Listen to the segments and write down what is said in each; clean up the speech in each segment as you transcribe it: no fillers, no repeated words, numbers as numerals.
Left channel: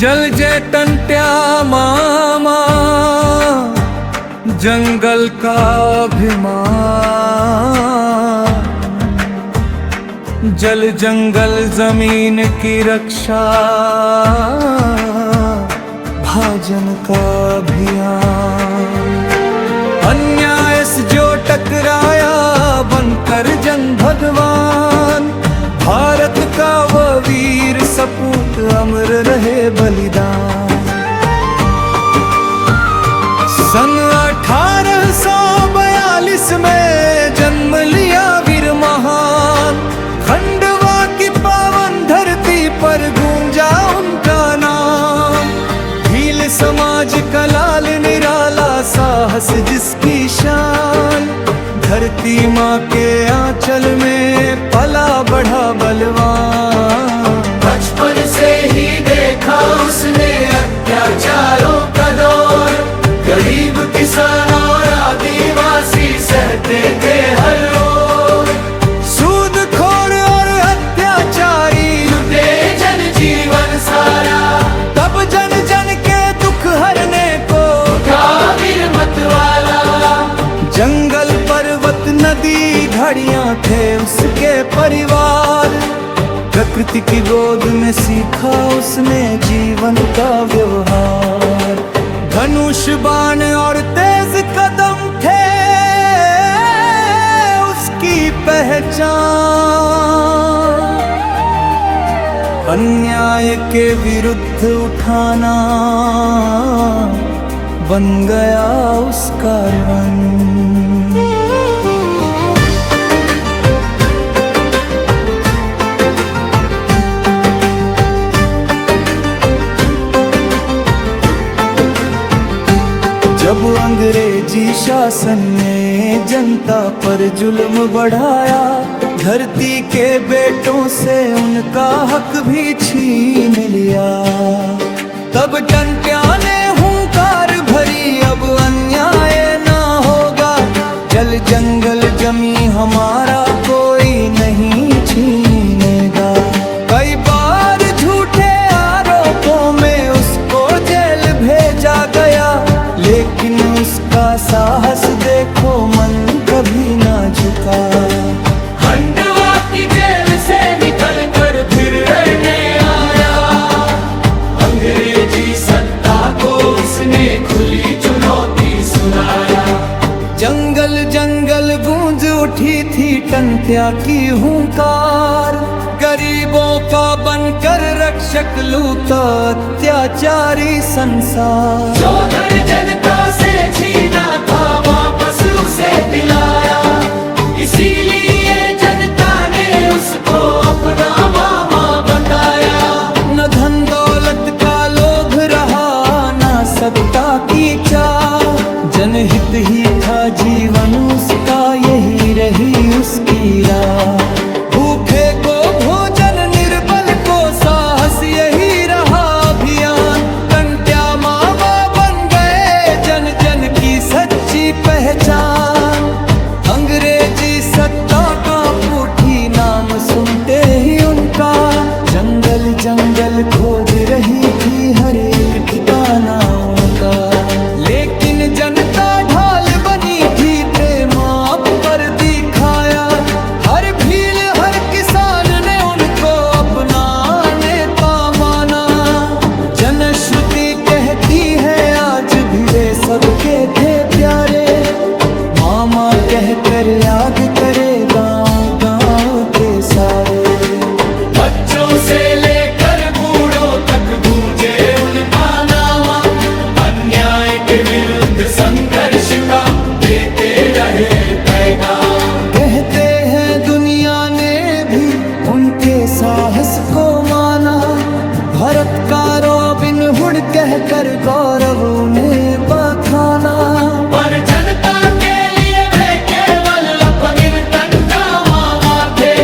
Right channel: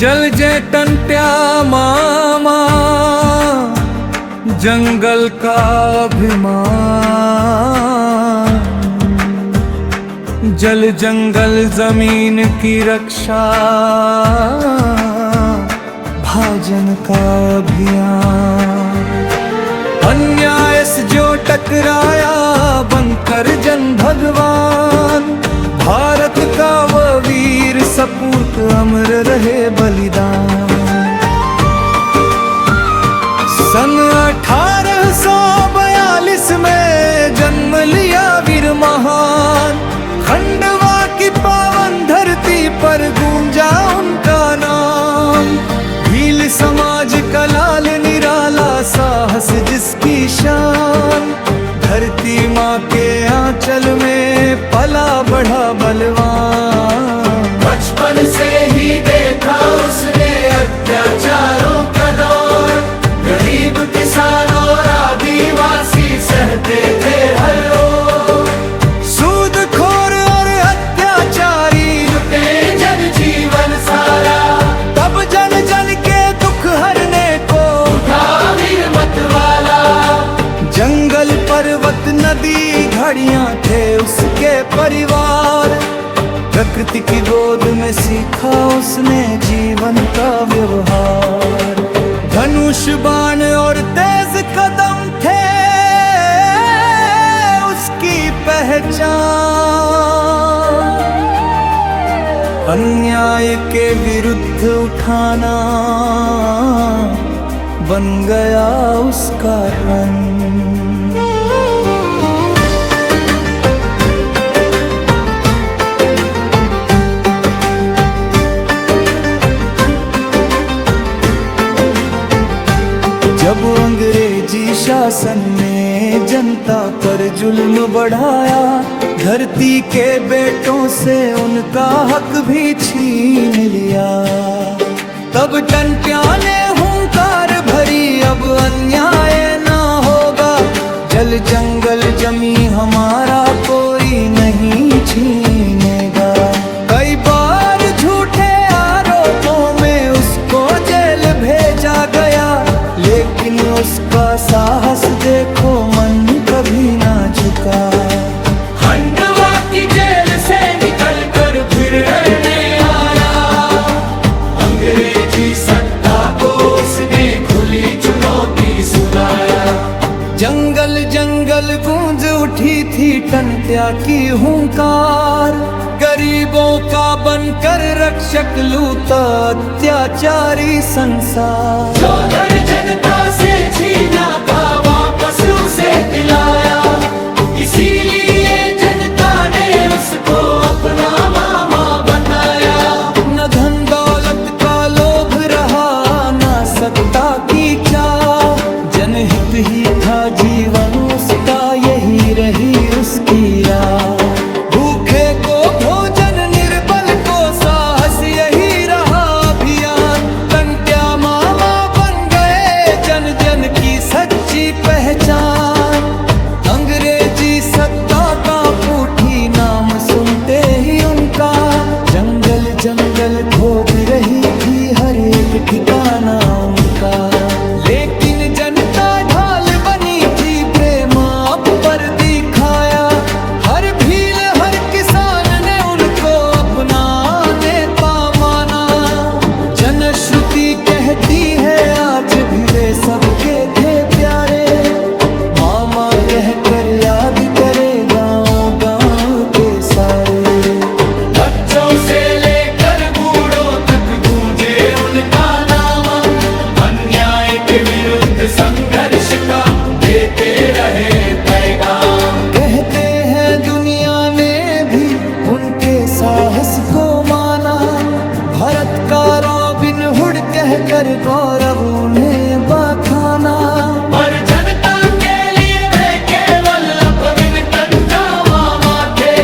जल जय टंट्या मामा जंगल का अभिमान, जल जंगल जमीन की रक्षा, भाजन का अभियान। अन्याय से जो टकराया बनकर जन भगवान, भारत का वह वीर सपूत अमर रहे बलिदान। सन 1842 में जन्म लिया वीर महान, खंडवा की पावन धरती पर गूंजा उनका नाम। भील समाज का लाल निराला साहस जिसकी शान, धरती माँ के आंचल में पला बढ़ा बलवान। बचपन से ही देखा उसने अत्याचारों का दौर, गरीब किसान और आदिवासी सहते थे हर ओर। सूदखोर और अत्याचारी लुटे जन जीवन सारा, तब जन जन के दुख हरने को उठा वीर मतवाला। जंगल पर्वत नदी घड़ियां थे उसके परिवार, प्रकृति की गोद में सीखा उसने जीवन का व्यवहार। धनुष बाण और तेज कदम थे उसकी पहचान, अन्याय के विरुद्ध उठाना बन गया उसका रंग। जब अंग्रेजी शासन ने जनता पर जुल्म बढ़ाया, धरती के बेटों से उनका हक भी छीन लिया, तब टंट्या ने हुंकार भरी अब अन्याय ना होगा। जल जंगल जमी हमारा कोई नहीं छीनेगा। कई बार झूठे आरोपों में उसको जेल भेजा गया, लेकिन उसका साहस देखो मन कभी ना झुका। खंडवा की जेल से निकल कर फिर रहने आया, अंग्रेजी सत्ता को उसने खुली चुनौती सुनाया। जंगल जंगल गूंज उठी थी टंट्या की हुंकार, गरीबों का बनकर रक्षक लूटा अत्याचारी संसार। जो धन जनता से छीना था वापस उसे दिलाया, इसीलिए जनता ने उसको अपना मामा बताया। न धन दौलत का लोभ रहा न सत्ता की चाह, जनहित ही था जीवन उसका, यही रही उसकी राह। भूखे को भोजन निर्बल को साहस, यही रहा अभियान। टंट्या मामा बन गए जन जन की सच्ची पहचान। अंग्रेजी सत्ता का उठी नाम सुनते ही उनका, जंगल जंगल खोज रही थी हर एक ठिकाना उनका। लेकिन जनता ढाल बनी थी, प्रेम आप पर दिखाया। हर भील हर किसान ने उनको अपना नेता माना। जनश्रुति कहती है आज भी वे सबके थे प्यारे, मामा कहकर याद करे गांव गांव के सारे। बच्चों से लेकर बूढ़ों तक गूंजे उनका नाम, अन्याय के विरुद्ध संघर्ष का देते रहे पैगाम। कहते हैं दुनिया ने भी उनके साहस को माना, भारत का रॉबिन हुड कहकर गौरव उन्हें बखाना। पर जनता के लिए वे केवल अपने टंट्या मामा थे,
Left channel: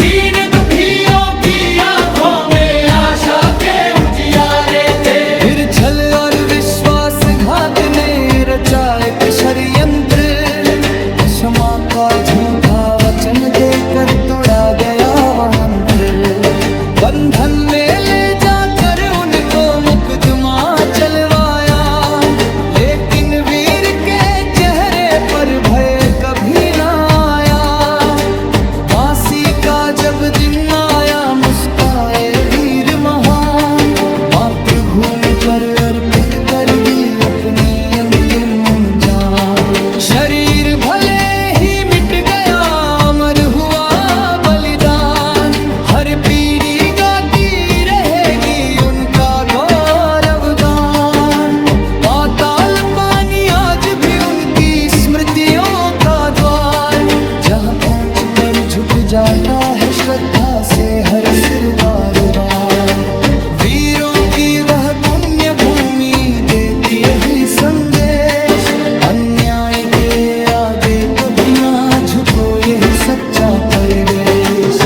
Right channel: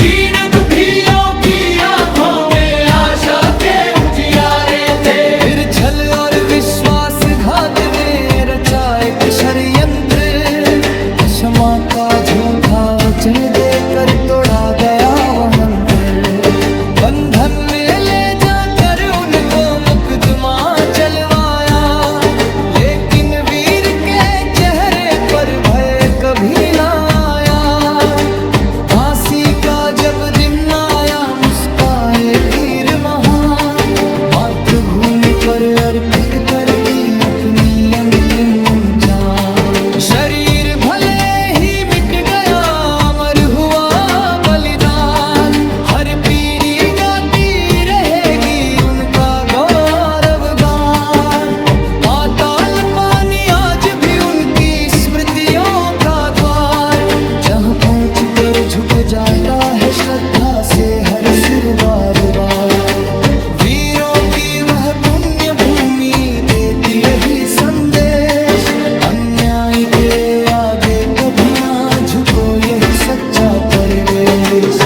दीन दुखियों की आंखों में आशा के उजियारे थे। फिर छल और विश्वासघात ने रचा एक षड्यंत्र, क्षमा का झूठा वचन देकर तोड़ा गया वह मंत्र। बंधन में ले जाकर उनको पर भय कभी ना आया। फांसी का जब दिन आया मुस्काए वीर महान, मातृभूमि पर अर्पित कर दी अपनी अंतिम जान। शरीर भले ही मिट गया अमर हुआ बलिदान, हर पीढ़ी गाती रहेगी उनका गौरव गान। पाताल पानी आज भी उनकी स्मृतियों का द्वार, जहाँ पहुँच कर झुक जाता है श्रद्धा से हर सिर बार बार। वीरों की वह पुण्य भूमि देती यही संदेश, अन्याय के आगे कभी ना झुको यही सच्चा परिवेश।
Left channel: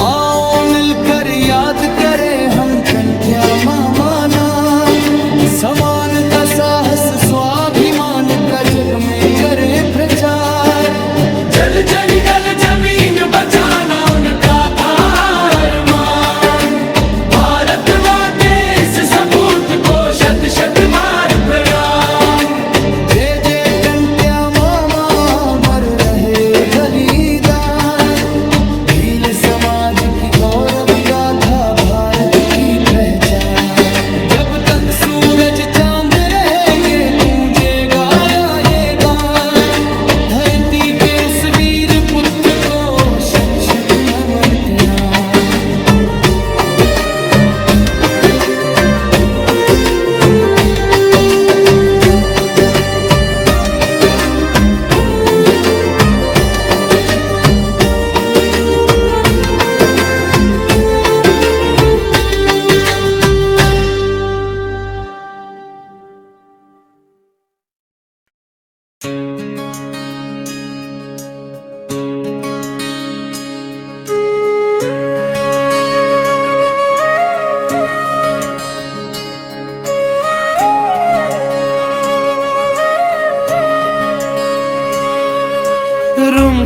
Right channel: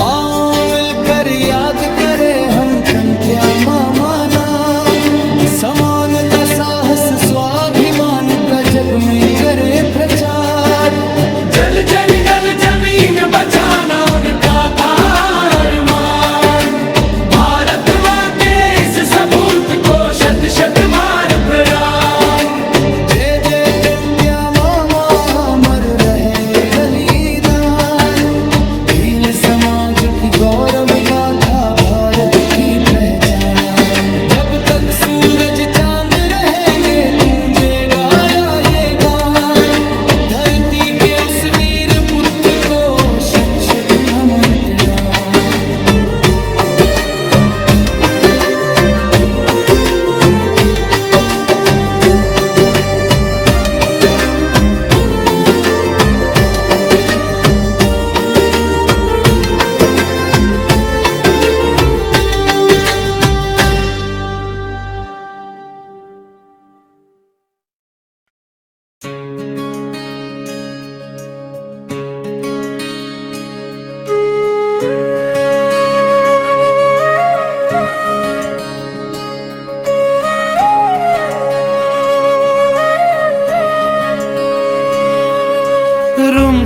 आओ मिलकर याद करें हम कंत्या मामा नाम, समानता साहस स्वाभिमान का जग में करें प्रचार। जल जंगल जमीन बचाना उनका था अरमान, भारत माँ के इस सपूत को शत शत बार प्रणाम। जय जय कंत्या मामा अमर रहे बलिदान, भील समाज की गौरव गाथा भारत की पहचान। जब तक सूरज चांद रहेंगे गूंजेगा ये गान, धरती के उस वीर पुत्र को शत शत नमन प्रणाम।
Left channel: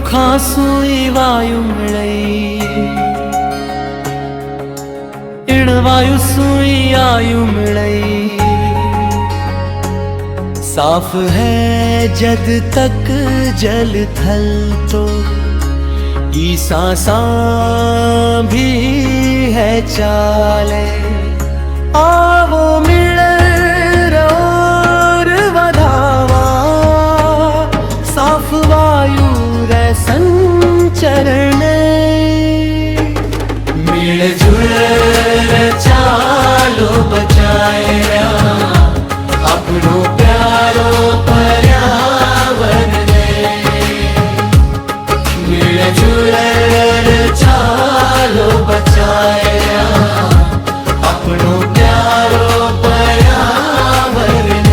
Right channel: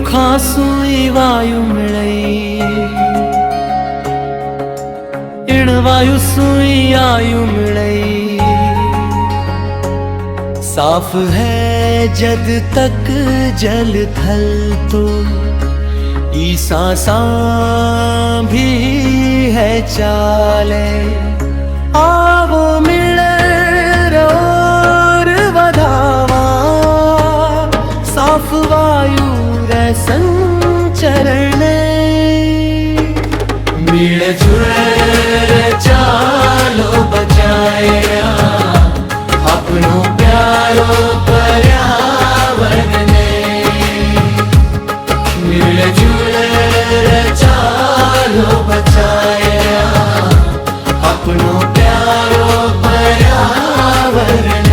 खासुई वायु मिळई, इण वायु सुई आयु मिळई। साफ है जद तक जल थल तो, ई सांसा भी है चाले। आवो मिले रोर वधावा, साफ वायु संचरण। मिलजुल चालो बचाया अपनो प्यारो पर्यावरण। मिलजुल चालो बचाया अपनो प्यारो पर्यावरण।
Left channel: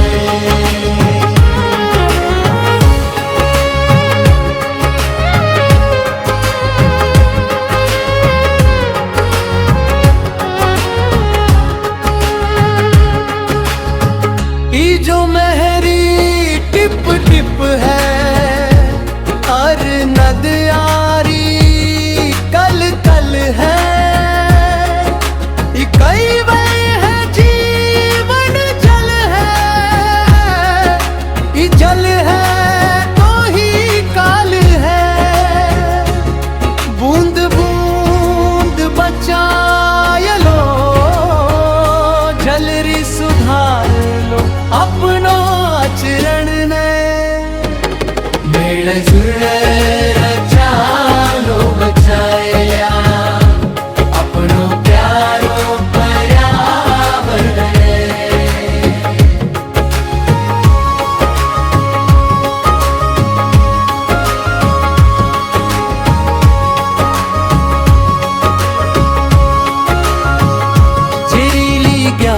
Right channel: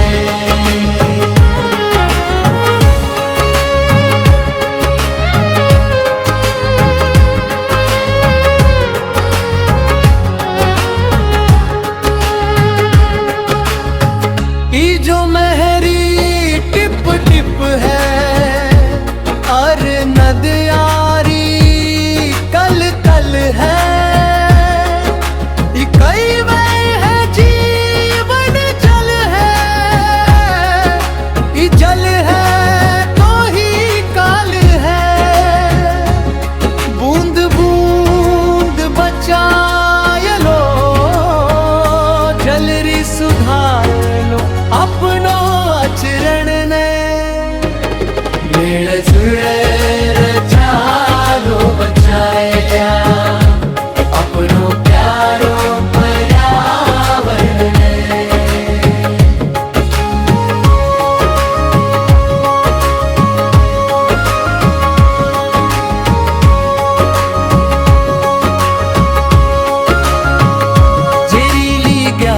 जो मेहरी टिप टिप है और नदियारी कल कल है, कई वह है जीवन जल है, जल है तो ही काल है। बूंद बूंद बचाए लो, जल री सुधार लो अपनो आचरण ने। मेल जुल चालो बचाया अपनो प्यारो पर्यावरण।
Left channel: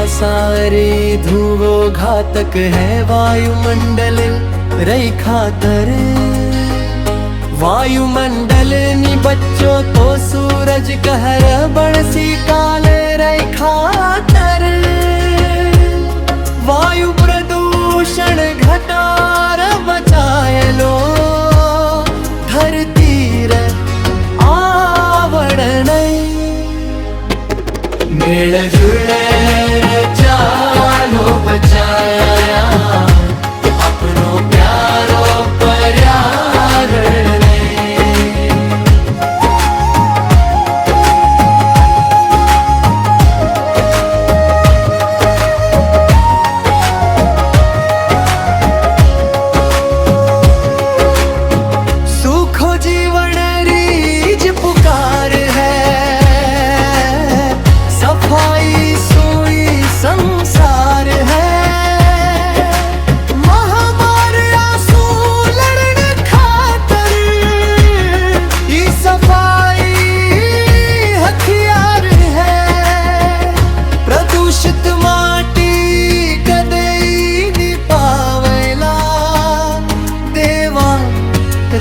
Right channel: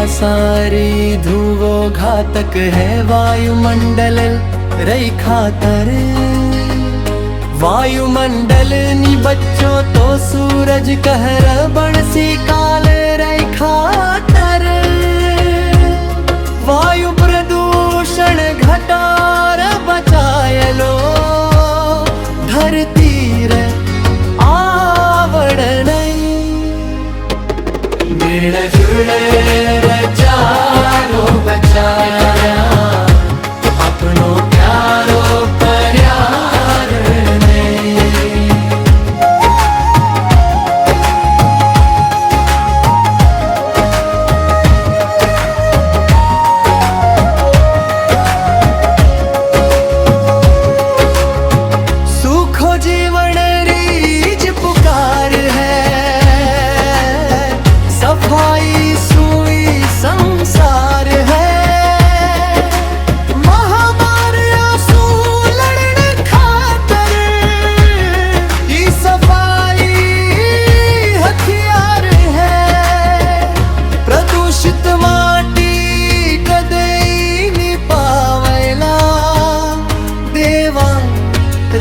सारे धुओ घातक है वायुमंडल रई खातर। वायुमंडल नी बच्चों तो सूरज कहर बणसी काले रई खातर। वायु प्रदूषण घटार बचाए लो, धरती रे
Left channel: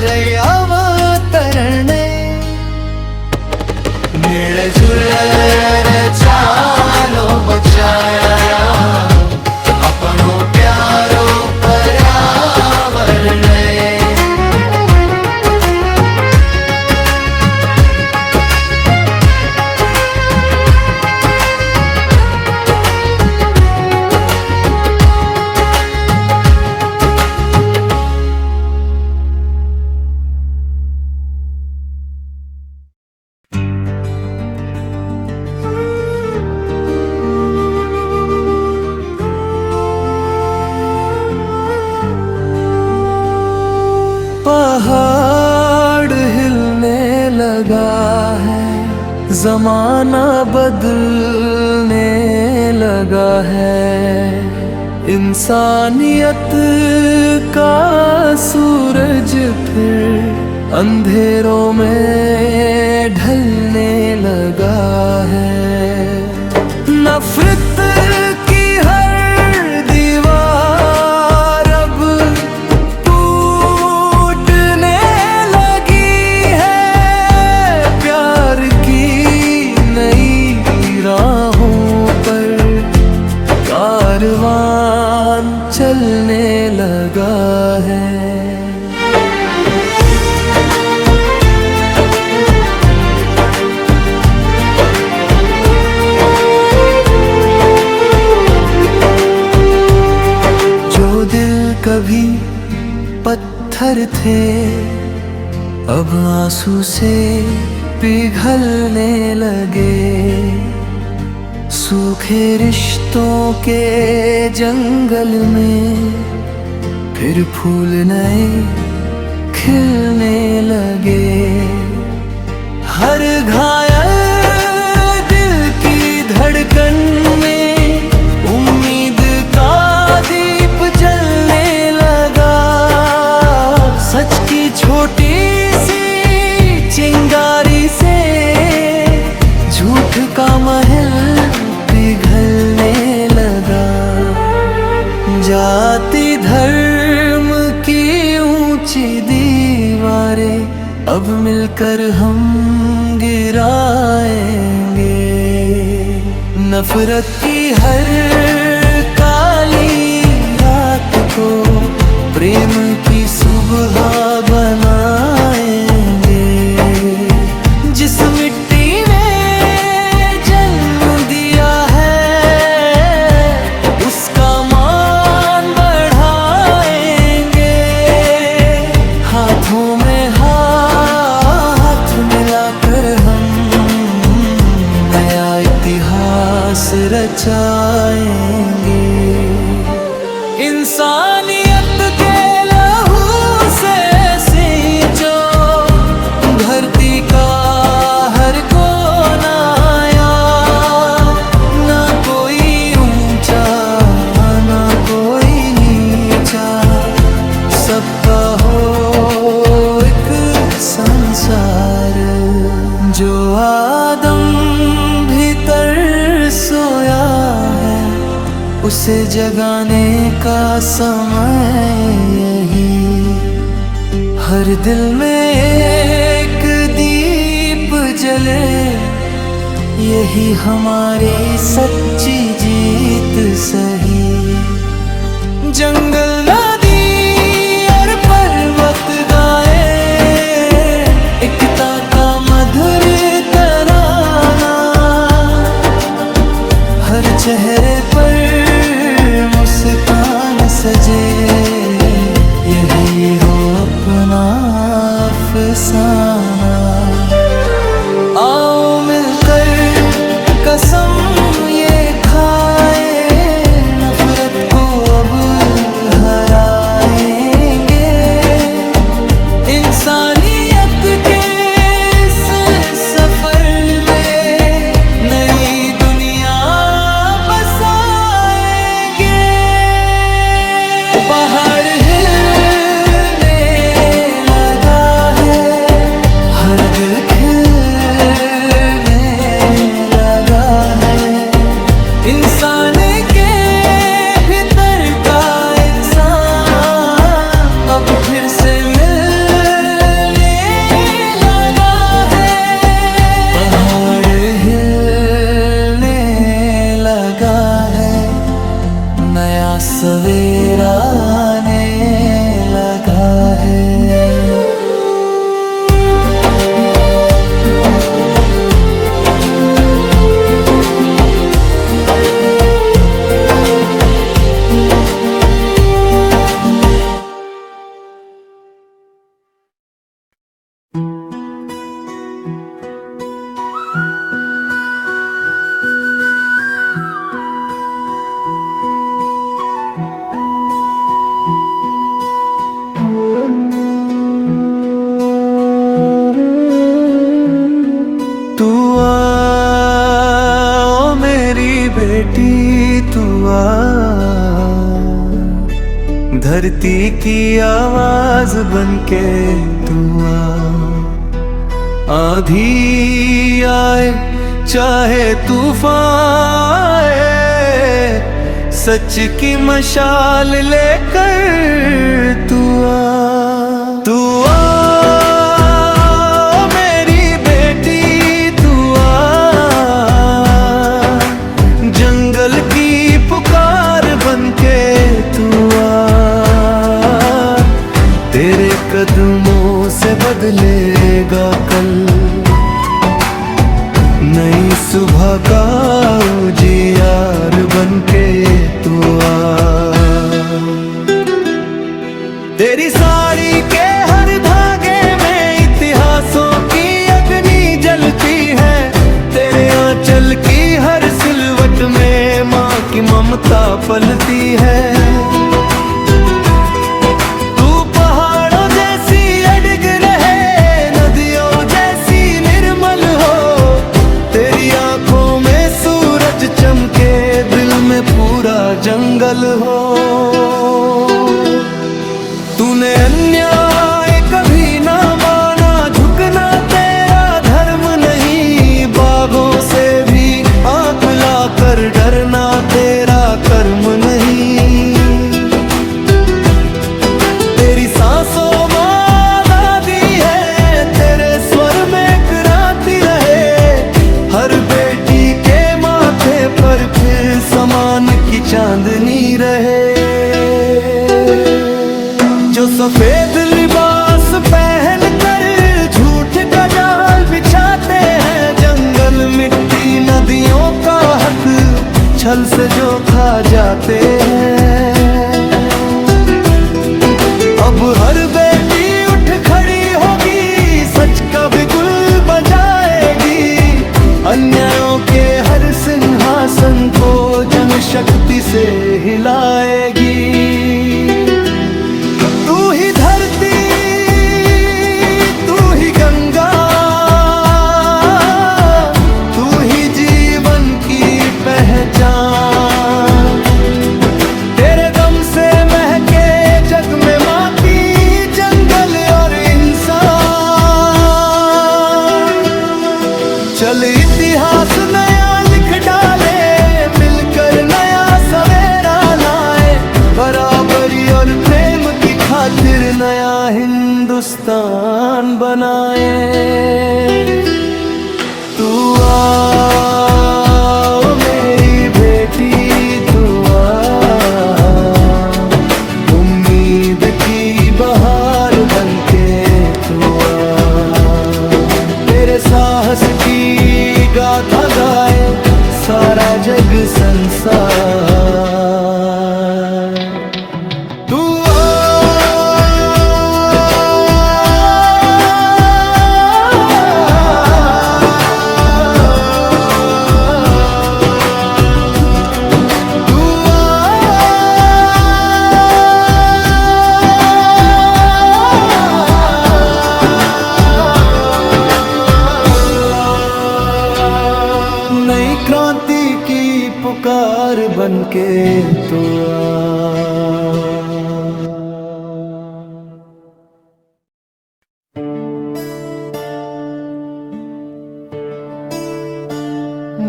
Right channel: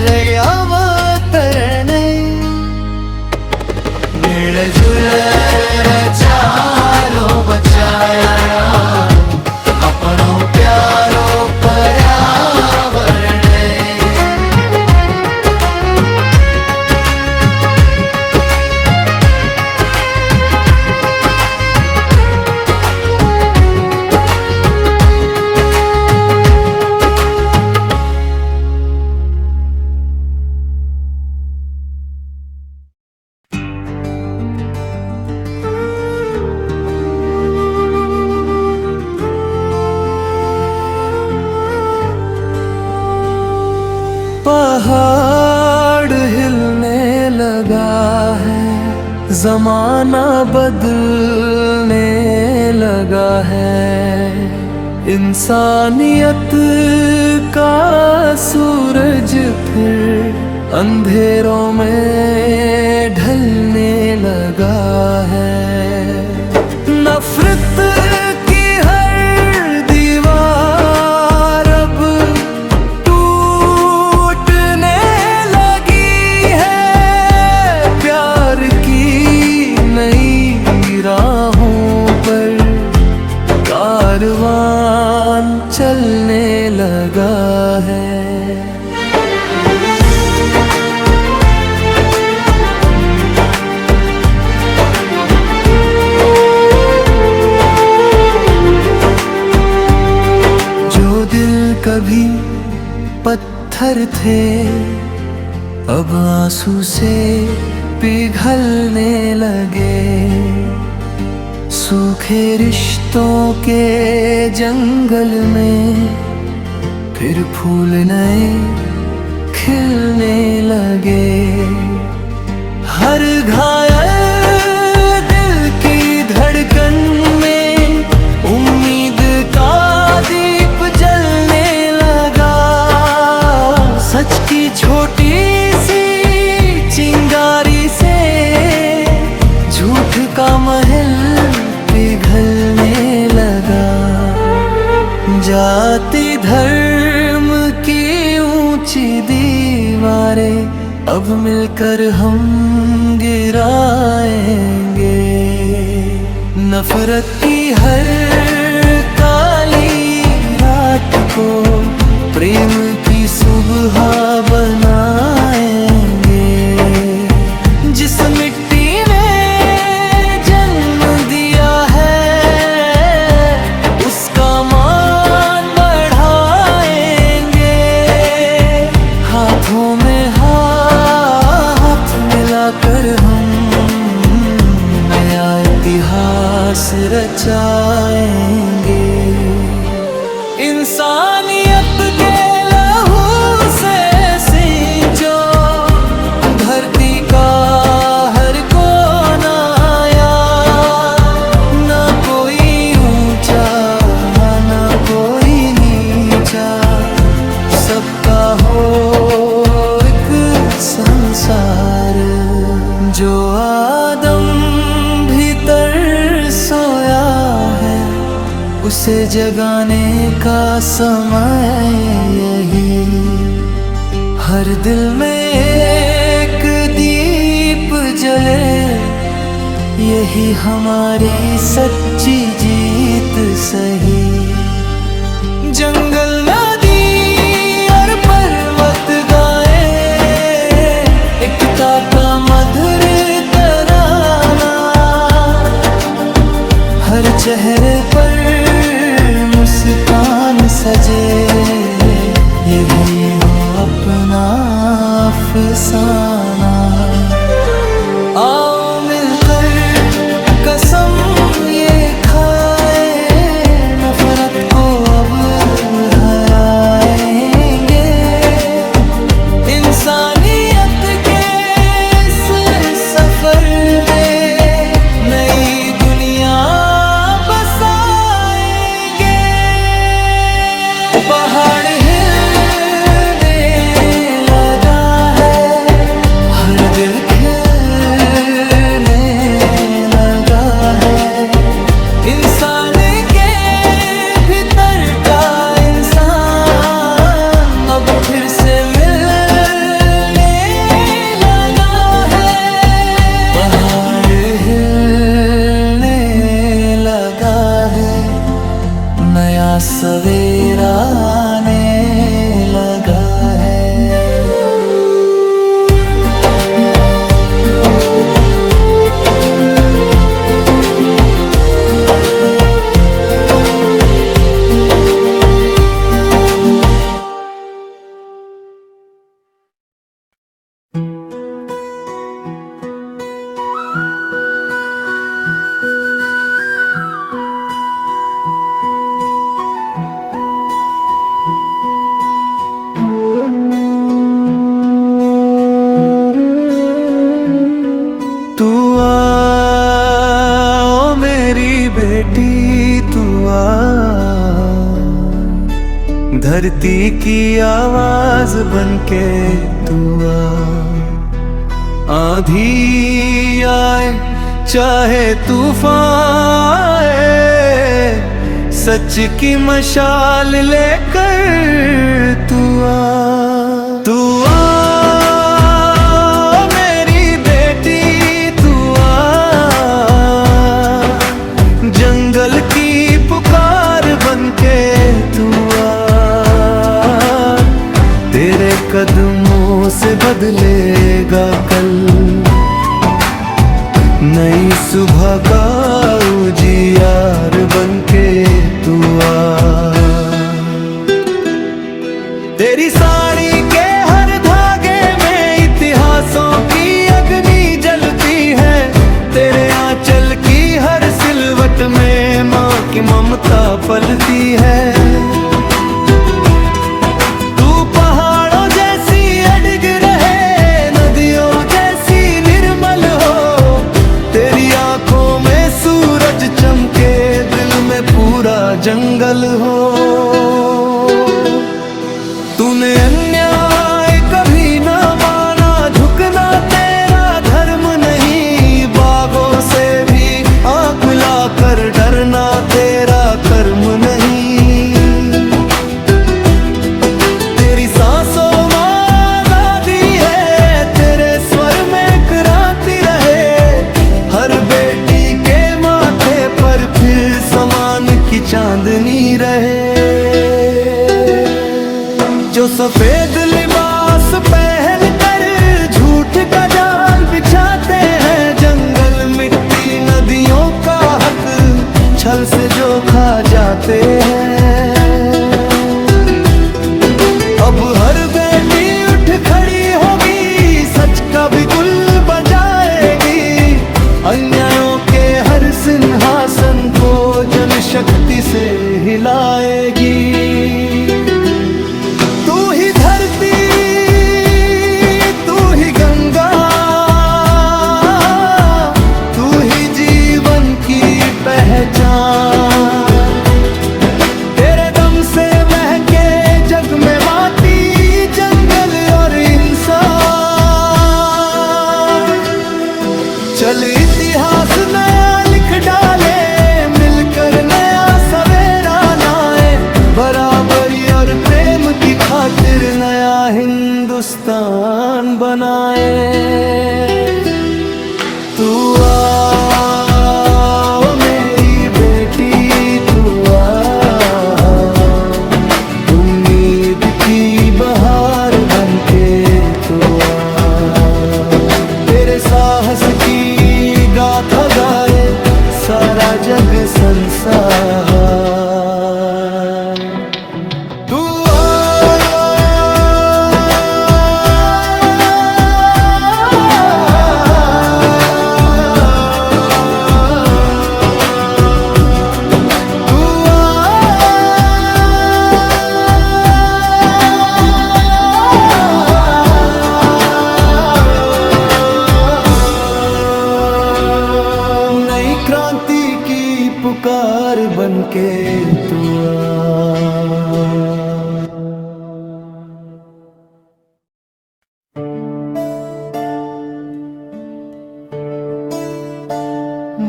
रयावतरणे मिळजुळ चालो बचाया अपनो प्यारो पर्यावरण पहाड़ हिलने लगा है, जमाना बदलने लगा है, इंसानियत का सूरज फिर अंधेरों में ढलने लगा है। नफरत की हर दीवार अब टूटने लगी है, प्यार की नई राहों पर कारवां चलने लगा है। कभी पत्थर थे अब आंसू से पिघलने लगे, सूखे रिश्तों के जंगल में फिर फूल नए खिलने लगे। हर घायल दिल की धड़कन में उम्मीद का दीप जलने लगा, सच की छोटी सी चिंगारी से झूठ का महल पिघलने लगा। जाति धर्म की ऊंची दीवारें अब मिलकर हम गिराएंगे, नफरत की हर काली रात को प्रेम की सुबह बनाएंगे। जिस मिट्टी में जन्म दिया है उसका मान बढ़ाएंगे, हाथों में हाथ मिलाकर हम नया इतिहास रचाएंगे। इंसानियत के लहू से सींचो धरती का हर कोना, ना कोई ऊंचा ना कोई नीचा, सबका हो एक संसार। जो आदम भीतर सोया है उसे जगाने का समय यही, हर दिल में एक दीप जले, यही हमारी सच्ची जीत सही। जंगल नदी और पर्वत गाए एकता का मधुर तराना, हर चेहरे पर मुस्कान सजे, यही हो अपना अफसाना। आओ मिलकर कसम ये खाए, नफरत को अब हराएंगे, इंसानियत के इस सफर में नई दुनिया बसाएंगे। पहाड़ हिलने लगा है, हर दिल खिलने लगा है, सवेरा आने लगा है। तू आ ओ मेरी बेटी, तू आ, धरती की आवाज बनके तू आ। आंधी आए चाहे तूफान आए, सच की मशाल लेकर तू आ। तू आ मेरी बेटी, तू आ, जंगल की पुकार बनके तू आ। तेरे कदमों से बदलेगा कल, नई सुबह का उजियार बनके तू आ। तेरी साड़ी के हर धागे में इतिहासों की अग्नि जलती है, तेरे आंचल की हर सिलवट में माँ की ममता पलती है। तू पहाड़ों जैसी अडिग रहे, नदियों जैसी निर्मल हो, तेरी आंखों में सूरज चमके, दिल में पूरा जंगल हो। तूने अन्याय कभी ना माना, झुकना तेरा धर्म नहीं, बागों से भी आंख मिलाकर डरना तेरा कर्म नहीं। तेरी सांसों में आजादी है, तेरे स्वर में क्रांति रहे, हर बेटी के माथे पर फिर समान की चांदनी रहे। जो सफेद लिबास पहन कर झूठ का जाल बिछाते हैं, जंगल मिट्टी नदियों का हक छल से जो खा जाते हैं। अब हर बेटी उठ खड़ी होगी, सच का भी गुल बजाएगी, अन्यायों के हर सिंहासन को जनशक्ति से हिलाएगी। तू ही धरती, तू ही गंगा, तू ही जीवन की पहचान। तेरे दम से महके जग में माटी, जंगल और इंसान। चल इतिहास नया लिख डाले, मिलकर नया सवेरा लाए, बराबरी और प्रेम की खातिर नया हिंदुस्तान बनाए। तू आ मेरी बेटी, तू आ, उम्मीद की बहार बनके तू आ। तेरे साहस की गाथा गाए सारा जग संसार। तू नई क्रांति की पुकार बनके तू आ।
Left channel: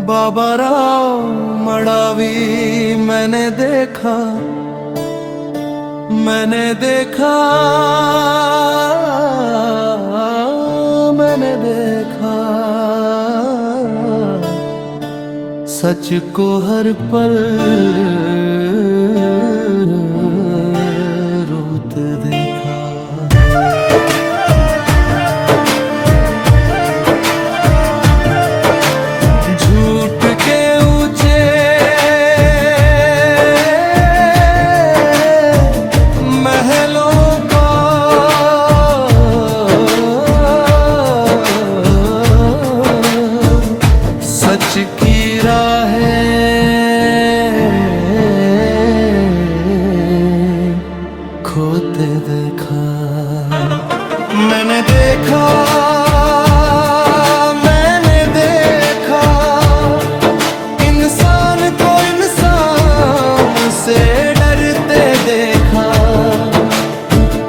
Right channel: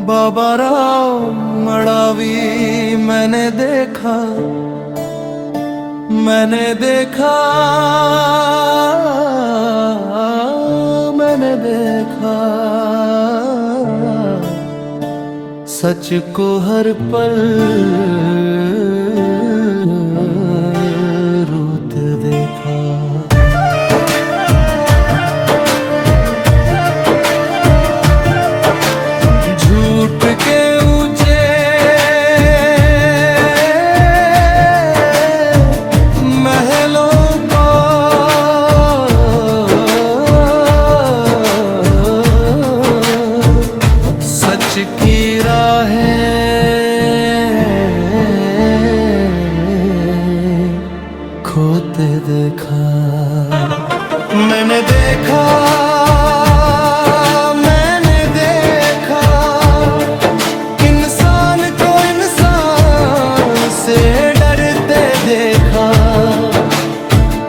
बाबा राव मडावी मैंने देखा, मैंने देखा, मैंने देखा, सच को हर पल रोते देखा। झूठ के ऊंचे महलों को सच की राहें खोते देखा। मैंने देखा इंसान को इंसान से डरते देखा,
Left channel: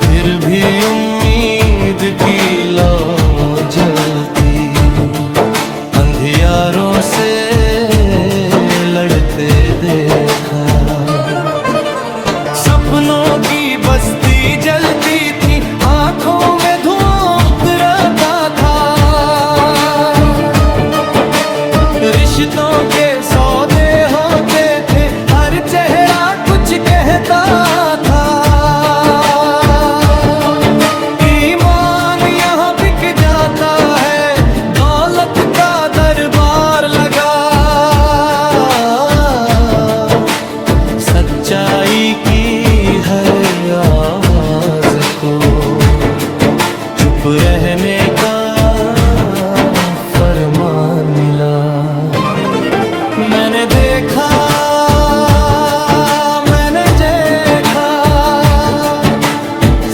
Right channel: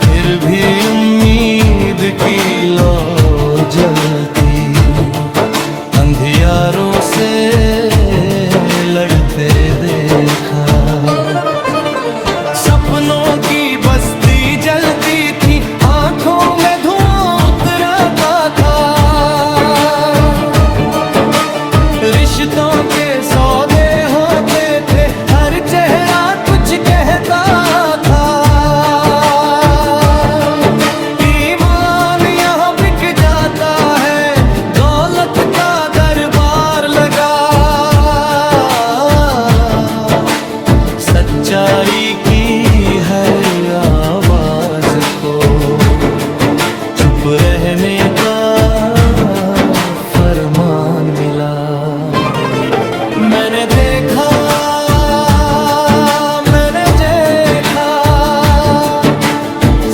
फिर भी उम्मीद की लौ जलती अंधियारों से लड़ते देखा। सपनों की बस्ती जलती थी, आंखों में धुआं उतरता था। रिश्तों के सौदे होते थे, हर चेहरा कुछ कहता था। ईमान यहाँ बिक जाता है, दौलत का दरबार लगा। सच्चाई की हर आवाज को चुप रहने का फरमान मिला। मैंने देखा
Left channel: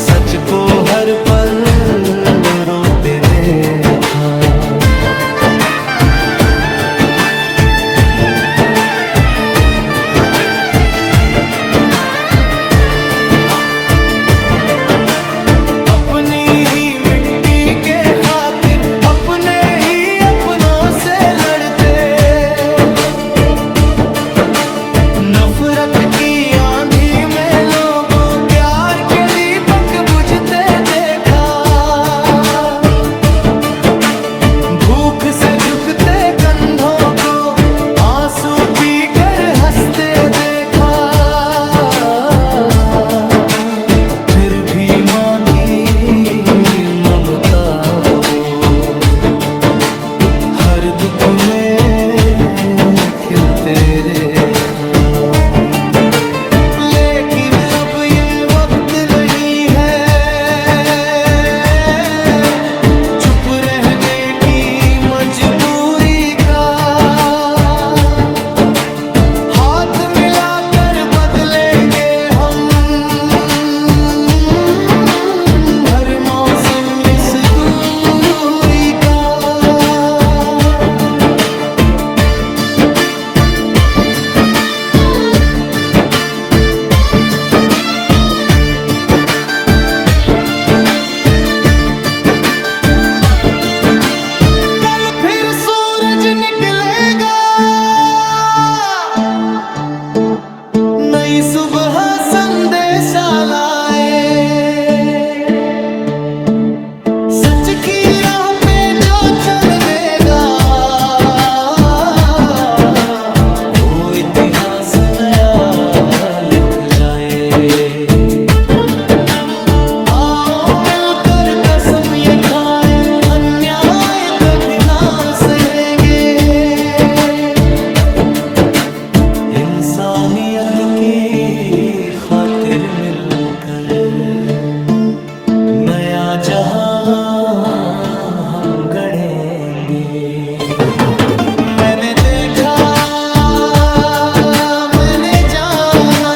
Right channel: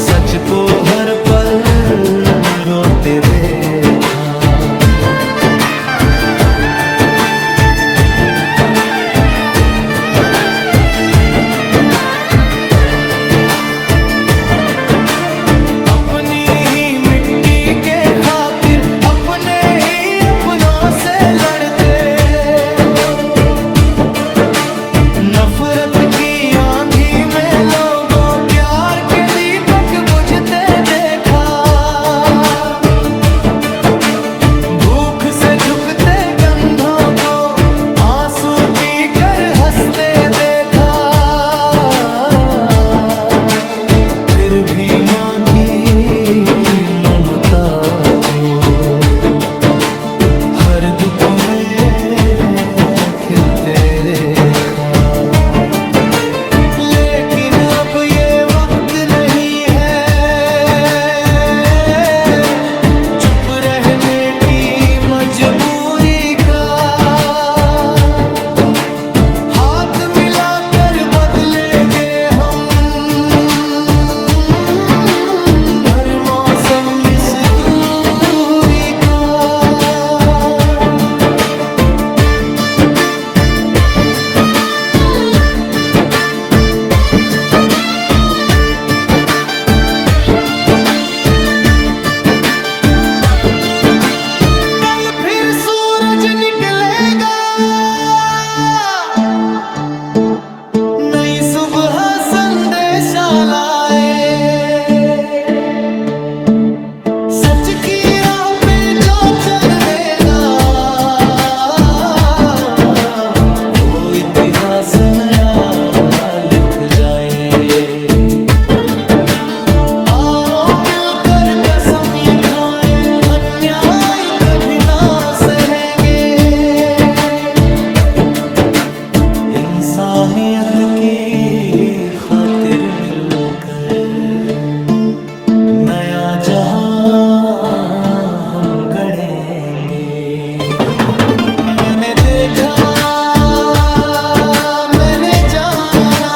सच को हर पल रोते देखा। अपनी ही मिट्टी के खातिर अपने ही अपनों से लड़ते, नफरत की आंधी में लोगों प्यार के दीपक बुझते देखा। भूख से झुकते कंधों को आंसू पीकर हंसते देखा। फिर भी माँ की ममता को हर दुख में खिलते देखा। लेकिन अब ये वक्त नहीं है चुप रहने की मजबूरी का। हाथ मिलाकर बदलेंगे हम हर मौसम इस दूरी का। नई सुबह संदेशा लाए, सच की राह पे जो चल देगा वो इतिहास नया लिख जाए। आओ मिलकर कसम ये खाएं, अन्याय कभी ना सहेंगे। इंसानियत की खातिर मिलकर नया जहां हम गढ़ेंगे। मैंने देखा मैंने जाना,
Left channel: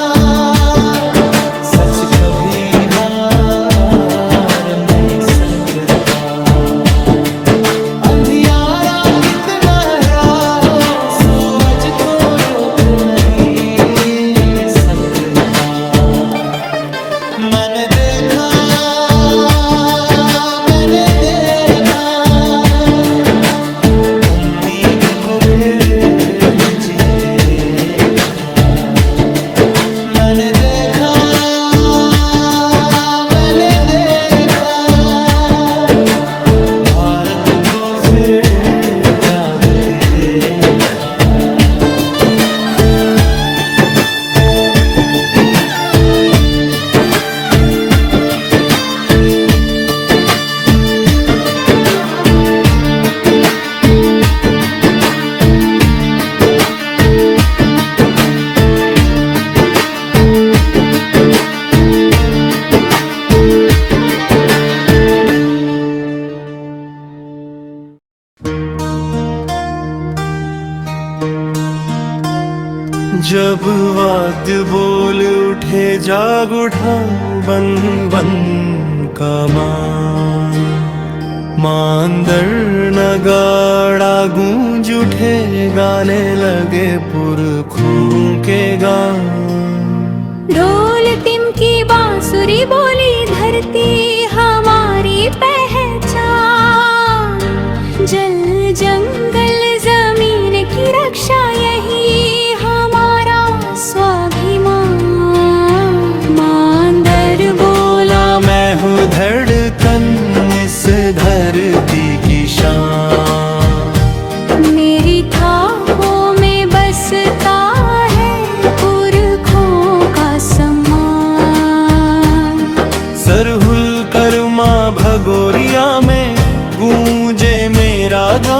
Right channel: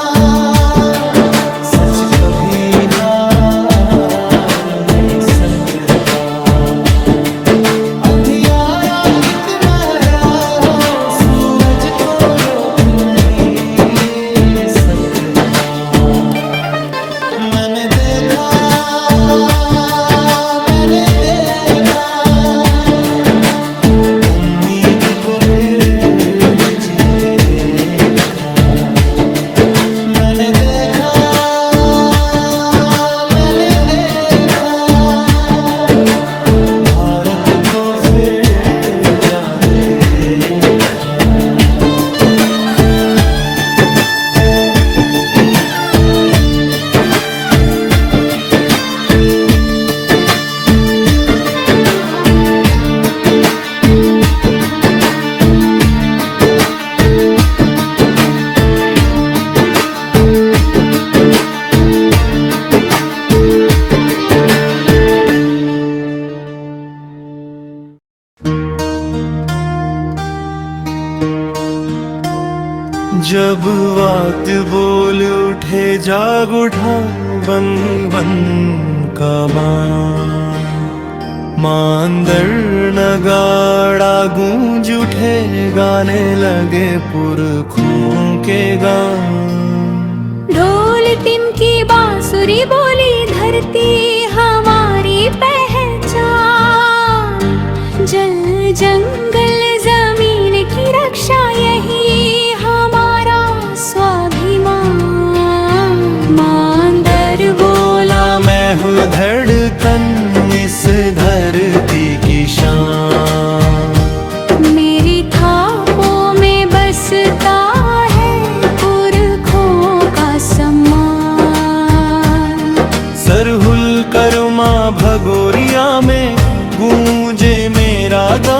सच कभी हार नहीं सकता। अंधियारा कितना गहरा हो, सूरज को रोक नहीं सकता। मैंने देखा उम्मीद को फिर जीते देखा। मैंने देखा भारत को फिर जागते देखा। जब वाद्य बोल उठे जाग उठा बन बन का मान, मांदर नगाड़ा गूंज उठे गाने लगे पुरखों के गान। ढोल टिमकी बांसुरी बोली धरती हमारी पहचान, जल जंगल जमीन की रक्षा यही हमारा स्वाभिमान। मांदर बोला मैं हूँ धड़कन इस धरती की शान, मेरी थापों में बसता है पुरखों का सम्मान। सरहुल कर माँ भगोरिया में गूंजे मेरा गान,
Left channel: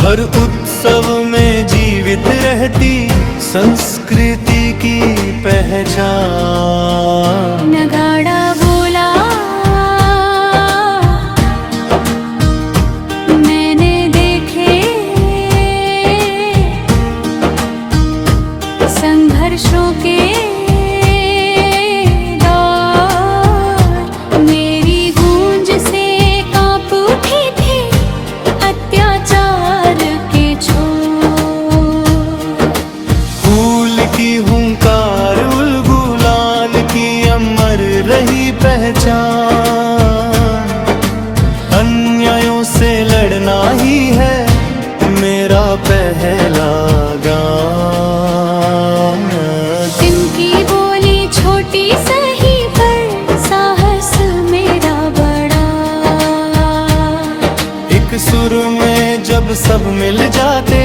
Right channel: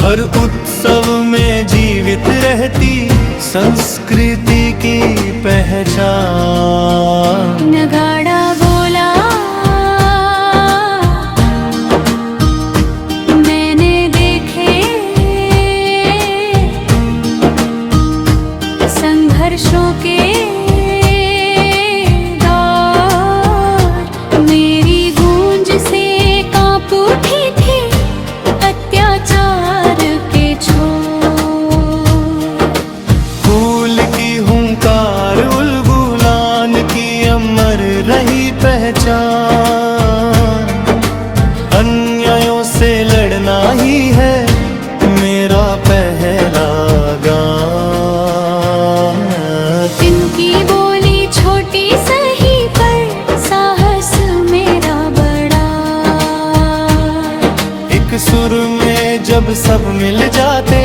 हर उत्सव में जीवित रहती संस्कृति की पहचान। नगाड़ा बोला मैंने देखे संघर्षों के दौर, मेरी गूंज से कांप उठी थी अत्याचार के छोर। फूल की हुंकार उलगुलान की अमर रही पहचान, अन्यायों से लड़ना ही है मेरा पहला गान। तिनकी बोली छोटी सही पर साहस मेरा बड़ा, एक सुर में जब सब मिल जाते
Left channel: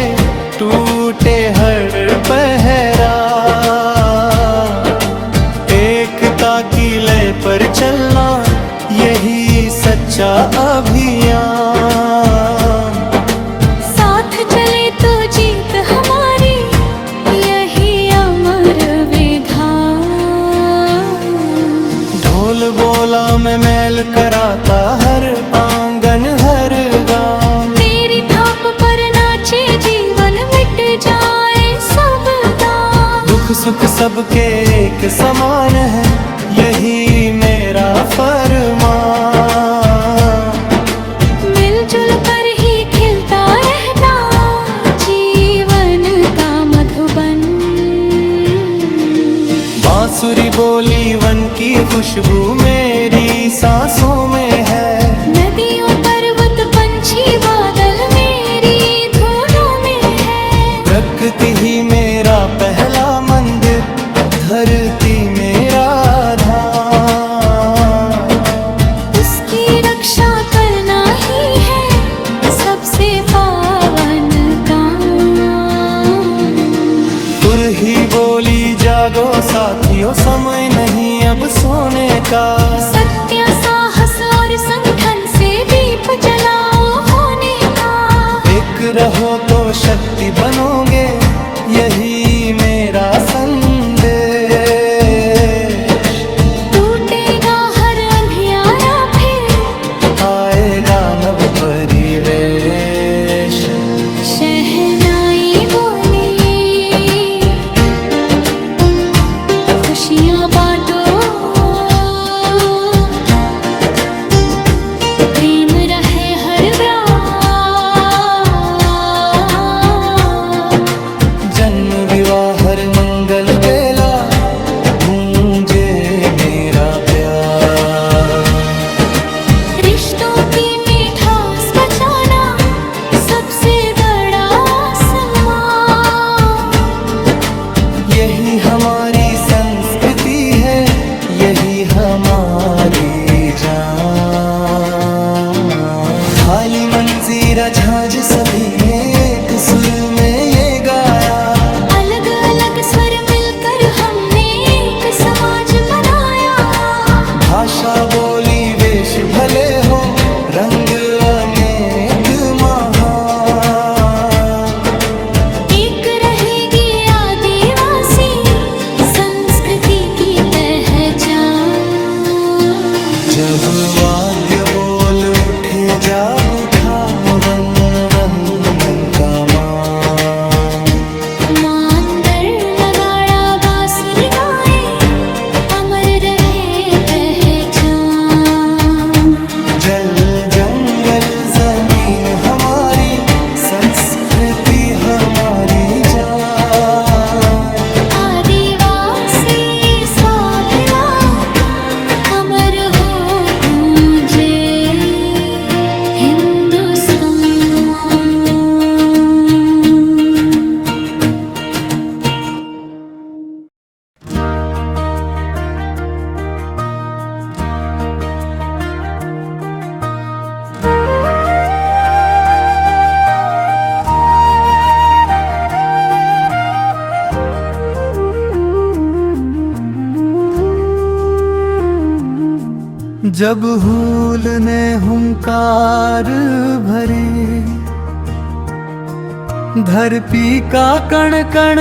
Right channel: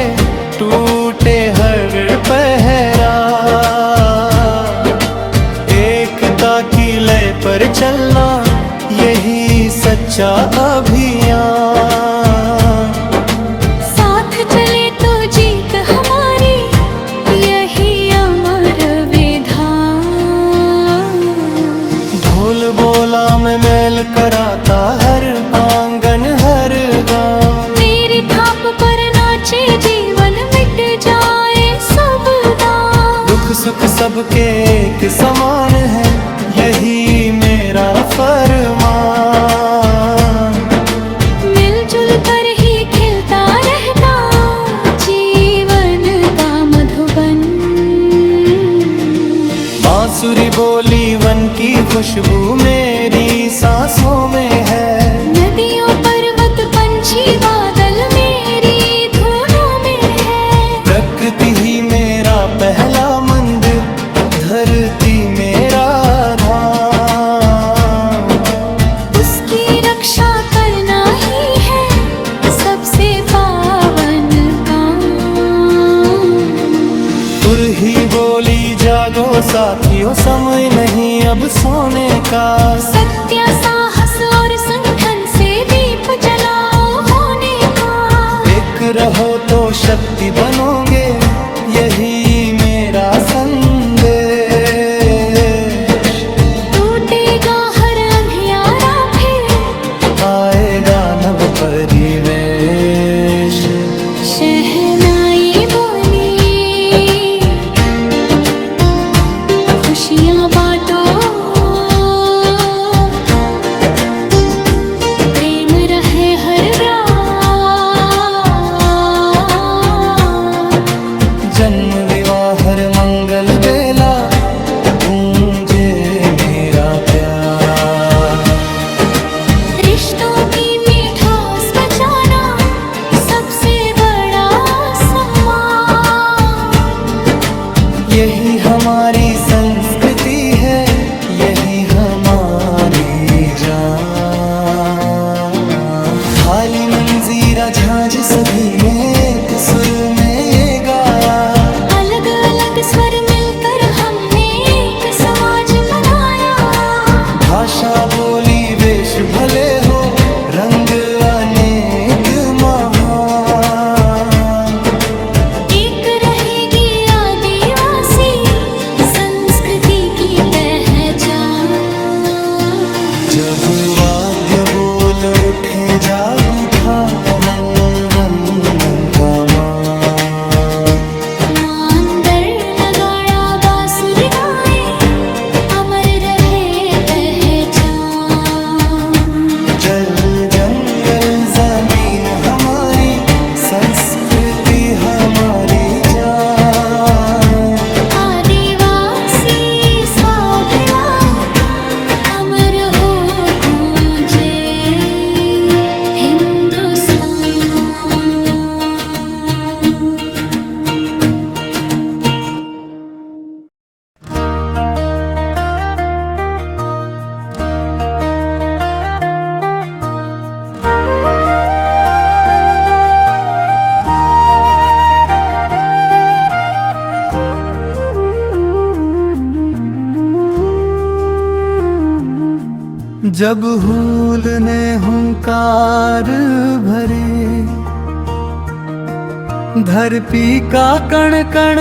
टूटे हर पहरा, एकता की लय पर चलना यही सच्चा अभियान। साथ चले तो जीत हमारी यही अमर विधान। ढोल बोला मैं मेल कराता हर आंगन हर गांव, मेरी थाप पर नाचे जीवन मिट जाए सब दांव। दुख सुख सबके एक समान है यही मेरा फरमान। मिलजुल कर ही खिलता रहता जीवन का मधुबन। बांसुरी बोली वन की खुशबू मेरी सांसों में है, नदियों पर्वत पंछी बादल मेरी धूलों में है। प्रकृति ही मेरा पहला मंदिर, धरती मेरा धाम। उसकी रक्षा करना ही है सबसे पावन काम। तुर ही बोली जागो साथियों समय नहीं अब सोने का, सत्य साहस और संगठन से दीप जलाओ होने का। एक रहो तो शक्ति बनोगे यही मेरा संदेश। टूटेगा हर अंधियारा फिर आएगा नव परिवेश। शहनाई बोली खुशियाँ बांटो, प्रेम रहे हर रात। जन्म विवाह हर मंगल बेला गूंजे मेरा प्यार। रिश्तों की मिठास बचाना सबसे बड़ा सम्मान। यही हमारी संस्कृति है यही हमारी जान। थाली मंजीरा झांझ सभी ने एक सुर में ये गाया, अलग अलग स्वर मिलकर हमने एक समाज बनाया। भाषा बोली वेश भले हो रंग अनेक महान। एक रहेगी आदिवासी संस्कृति की पहचान। जब वाद्य बोल उठे जाग उठा वन वन का मांदर नगाड़ा बांसुरी गाए, अमर रहे पहचान। जल जंगल जमीन हमारी, संस्कृति हमारी जान। आदिवासी स्वाभिमान अमर हो गूंजे हिंदुस्तान। जब हूल ने हुंकार भरे, धरती का कण कण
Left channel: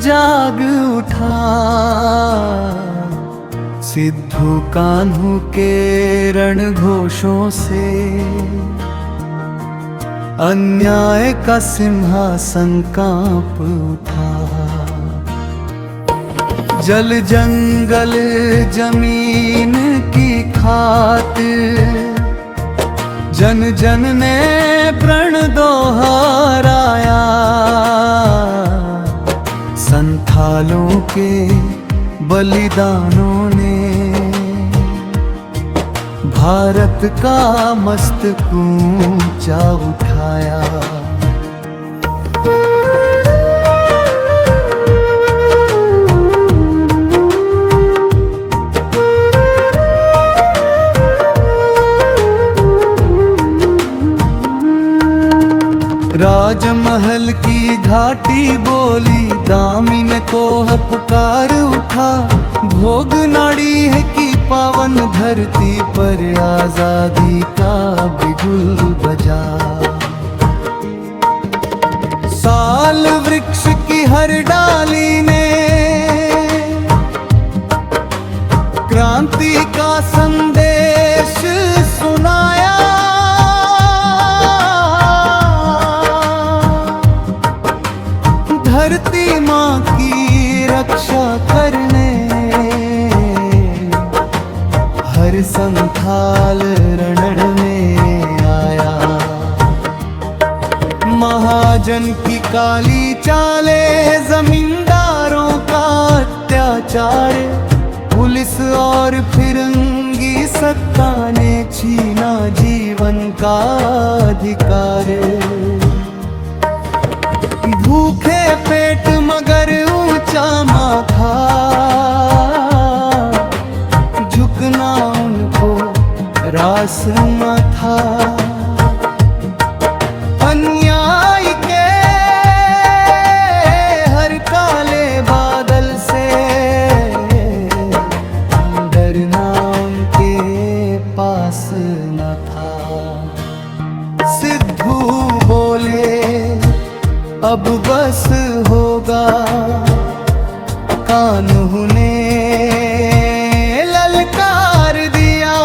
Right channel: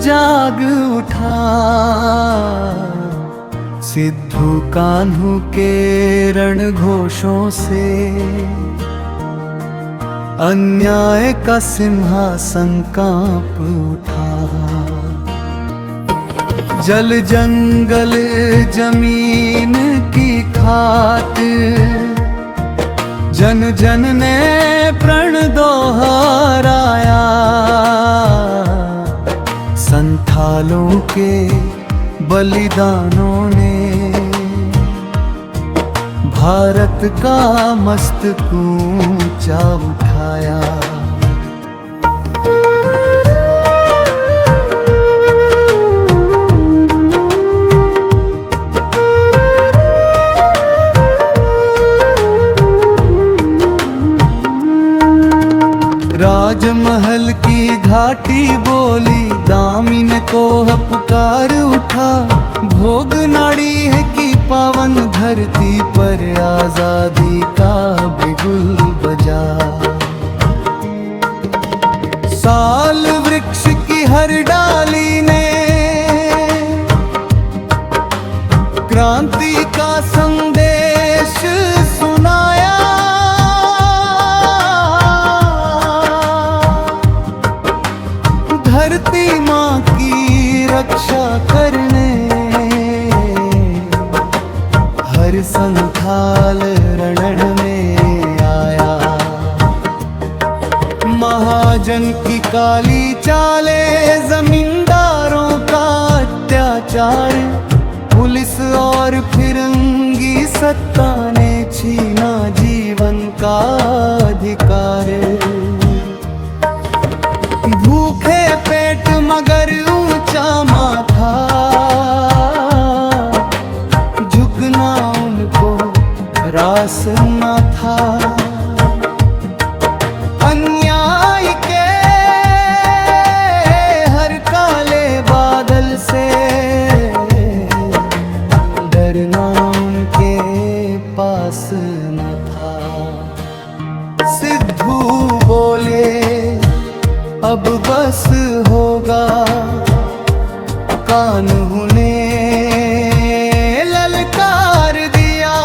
जाग उठा। सिद्धू कान्हू के रण घोषों से अन्याय का सिंहासन कांप उठा। जल जंगल जमीन की खातिर जन जन ने प्रण दोहराया। संथालों के बलिदानों ने भारत का मस्तक ऊंचा उठाया। राजमहल की घाटी बोली, दामिन को है पुकार उठा। भोग नाड़ी है कि पावन धरती पर आजादी का बिगुल बजा। साल वृक्ष की हर डाली ने क्रांति का संदेश सुनाया। धरती माँ की रक्षा करने हर संथाल रण में आया। महाजन की काली चाले, जमींदारों का अत्याचार, पुलिस और फिरंगी सत्ता ने छीना जीवन का अधिकार। भूखे पेट मगर ऊंचा माथा, झुकना उनको रास न था। अन्याय के हर काले बादल से डरना उनके पास न था। सिद्धू बोले अब बस होगा, कान्हू ने ललकार दिया।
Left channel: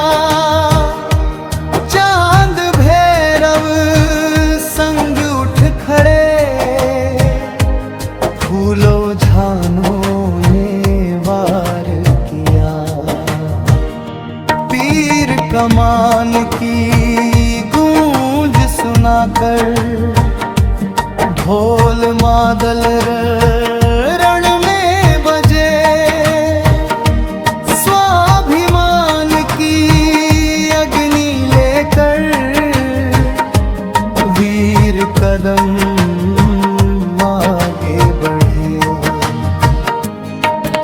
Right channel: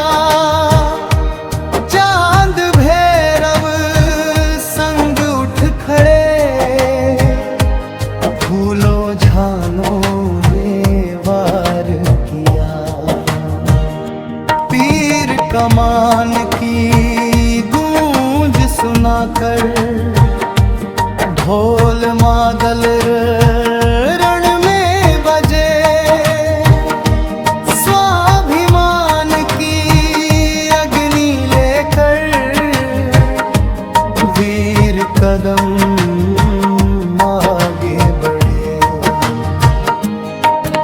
चांद भैरव संग उठ खड़े, फूलों झानों ने वार किया। तीर कमान की गूंज सुनाकर ढोल मादल रण में बजे। स्वाभिमान की अग्नि लेकर वीर कदम आगे बढ़े।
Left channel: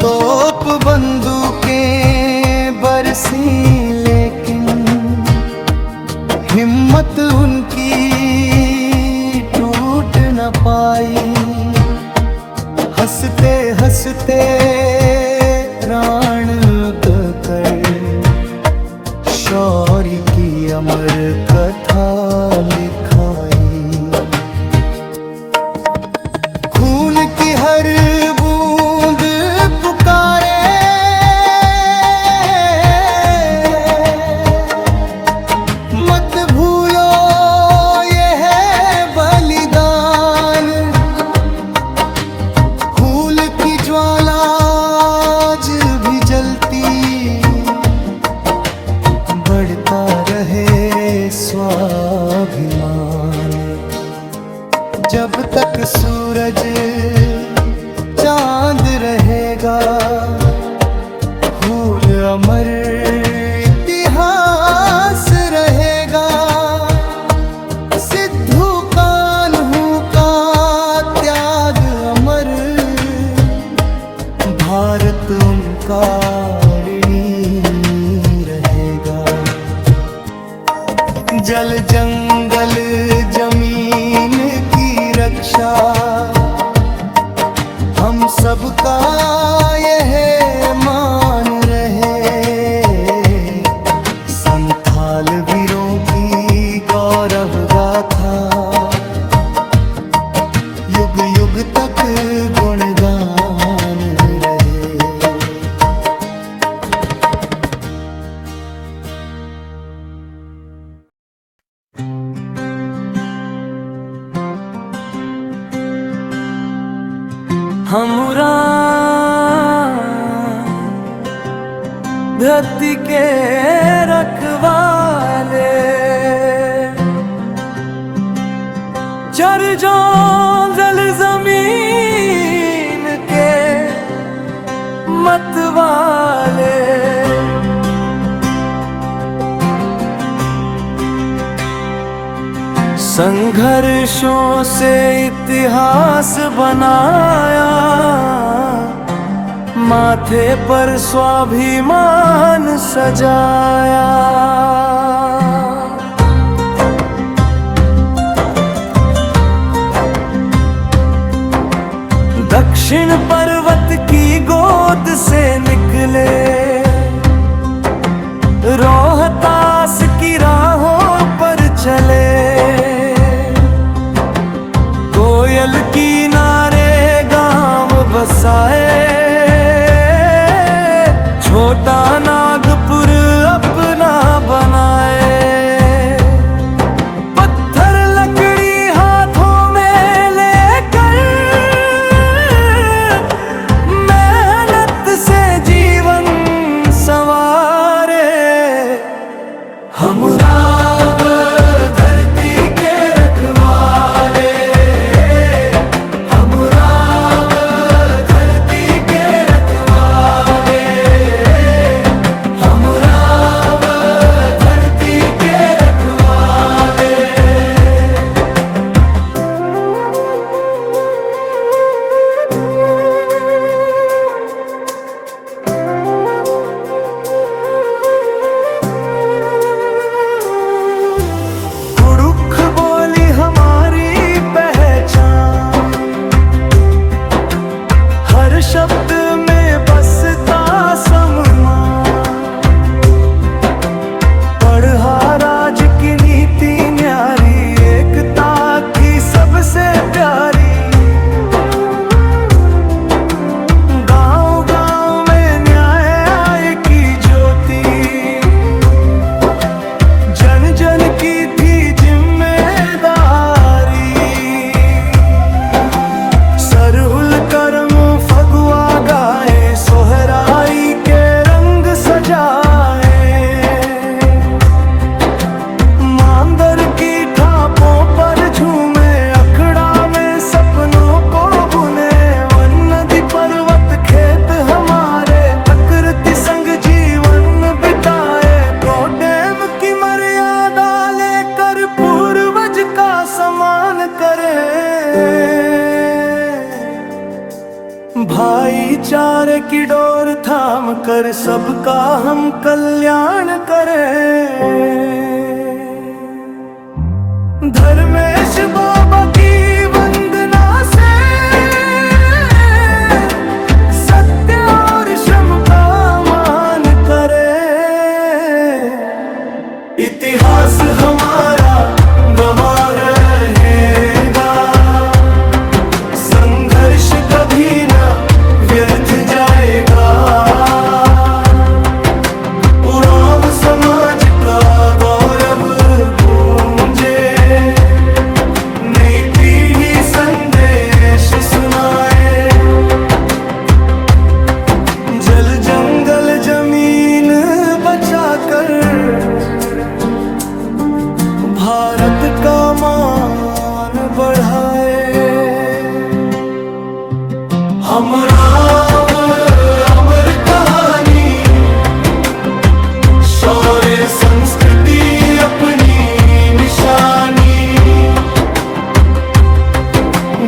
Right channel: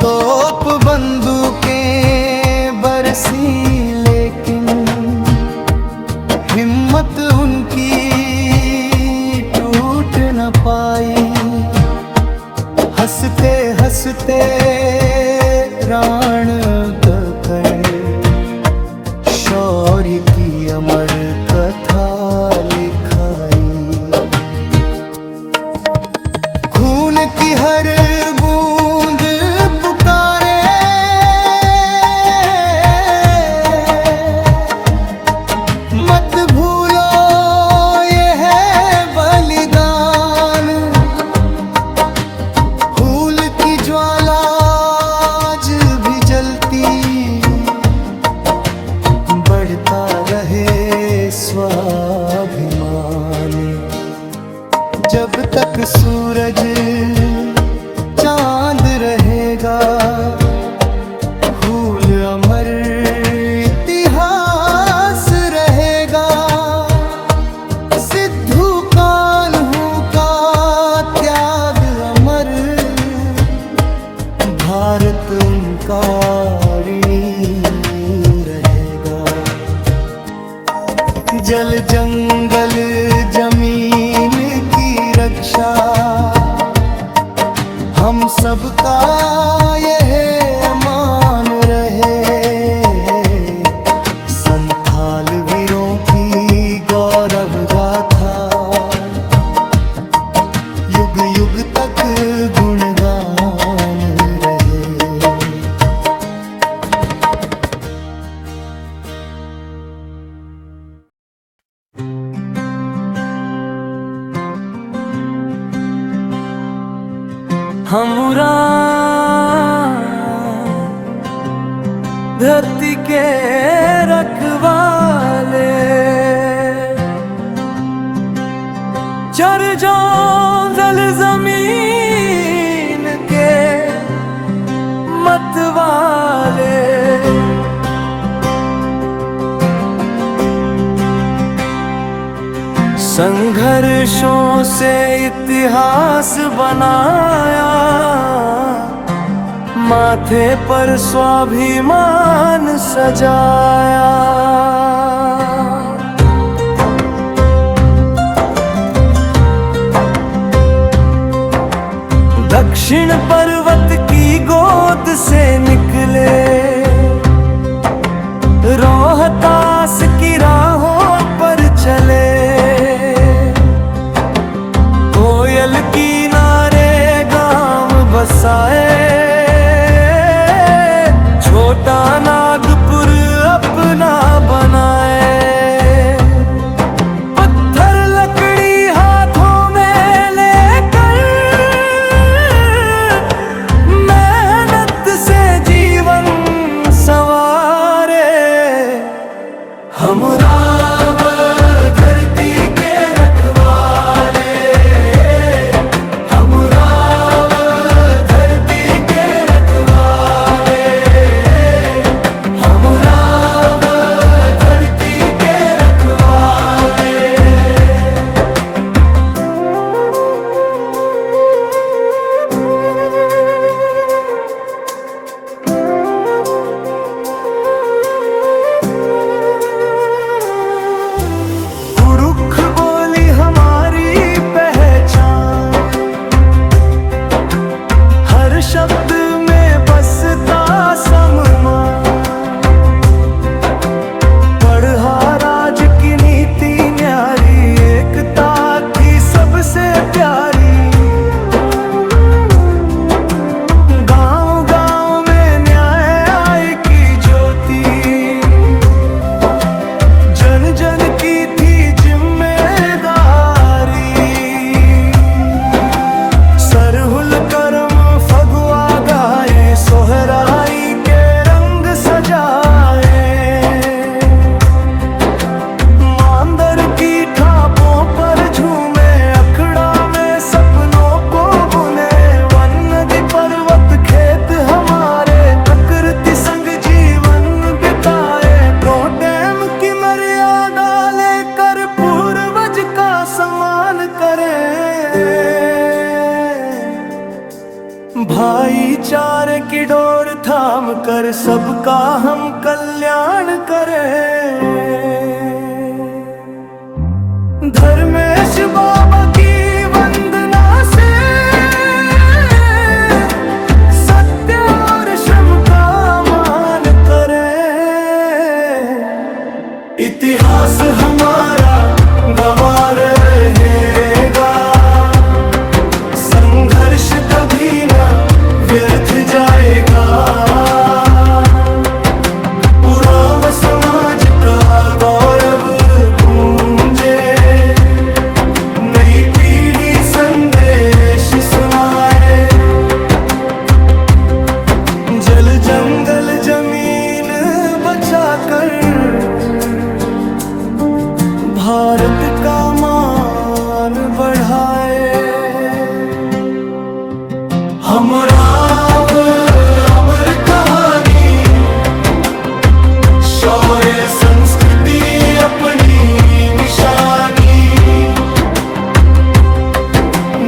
तोप बंदूकें बरसी लेकिन हिम्मत उनकी टूट न पाई। हंसते हंसते प्राण कर शौर्य की अमर कथा लिखाई। खून की हर बूंद पुकारे, बचता रहे स्वाभिमान। जब तक सूरज चांद रहेगा, फूल अमर इतिहास रहेगा। सिद्धू कान्हू का त्याग अमर, भारत उनका ऋणी रहेगा। जल जंगल जमीन की रक्षा हम सबका यह मान रहे। संथाल वीरों की गौरव गाथा युग युग तक गुणगान रहे। हमरा धरती के रखवाले, चर जो जल जमीन के मतवाले। संघर्षों से इतिहास बनाया, माथे पर स्वाभिमान सजाया। दक्षिण पर्वत की गोद से निकले, रोहतास की राहों पर चले। कोयल की नारे गांव बसाए, छोटा नागपुर अपना बनाए। पत्थर लकड़ी हाथों में लेकर, मेहनत से जीवन संवारे। हम राम धरती के रखवाले, हम राम धरती के रखवाले, हम राम धरती के रखवाले। कुड़ुख बोली हमारी पहचान, हर शब्द में बसता सम्मान। पढ़ा राज की नीति न्यारी, एकता थी सबसे प्यारी। गांव गांव में न्याय की ज्योति, जन जन की थी जिम्मेदारी। सरहुल करम फगुआ गाए, सोहराई के रंग सजाए। मांदर की ठापों पर झूमे, अखड़ा में सपनों को बुने। वन नदी पर्वत खेत हमारे, प्रकृति संग जीवन बिताए। तो डैम की मर्यादा लेकर पूर्वज का सम्मान करें। भाईचारे की डोर थाम कर सबका हम कल्याण करें। धर्मेश बाबा की वंदना से सत्य और श्रम का मान करें। इतिहास हमारा गवाह रहेगा, संघर्ष कभी न व्यर्थ जाएगा। उरांव समाज का गौरव गूंजे, नई पीढ़ी संदेश सुनाए। जल जंगल जमीन बचाकर भारत का मान बढ़ाए। हमरा अमर कहानी, शौर्य संस्कृति अपनी निशानी,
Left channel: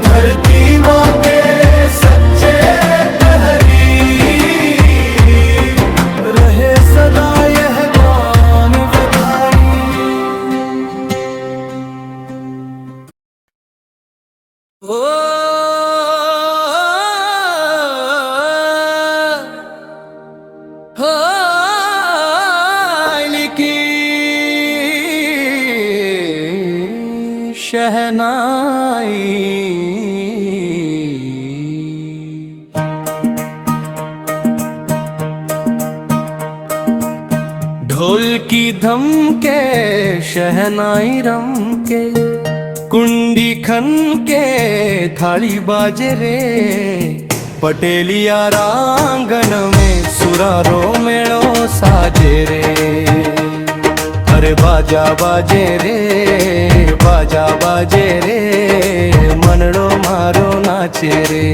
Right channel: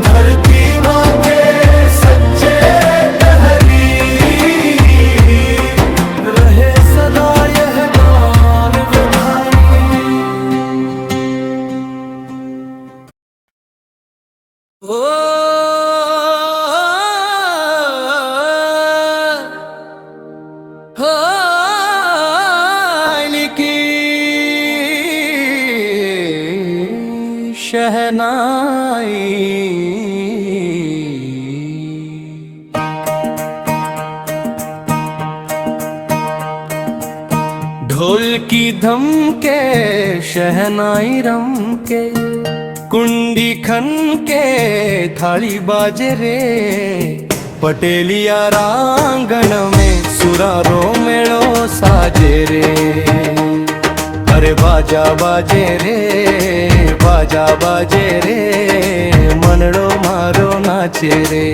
धरती माँ के सच्चे प्रहरी, रहे सदा यह गान बधानी। ओ की शहनाई, ढोल की धम के शहनाई रम के, कुंडी खन के थाली बाजे रे, पटेलिया रांगण में सुरारो मेड़ो साजे रे। अरे बाजा बाजे रे, बाजा बाजे रे, मनड़ो मारो नाचे रे।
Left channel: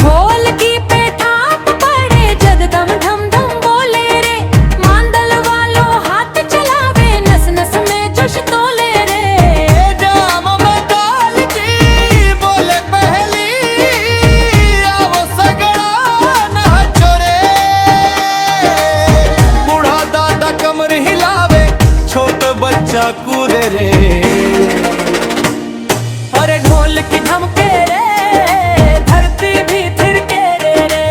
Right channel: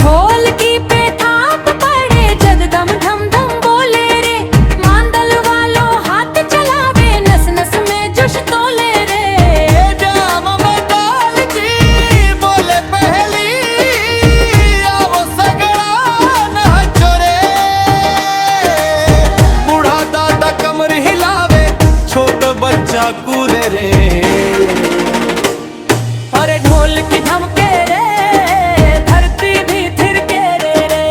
ढोल की पे थाप पड़े जद दम धम धम बोले रे, मांदल वालो हाथ चलावे नस नस में जोश तोले रे। जाम में दाल की बोले पहली, आवो सगड़ा नाचो रे। बूढ़ा दादा कमर हिलावे, छोट बच्चा कूदे रे। अरे ढोल की धमके रे, धरती भी थिरके रे।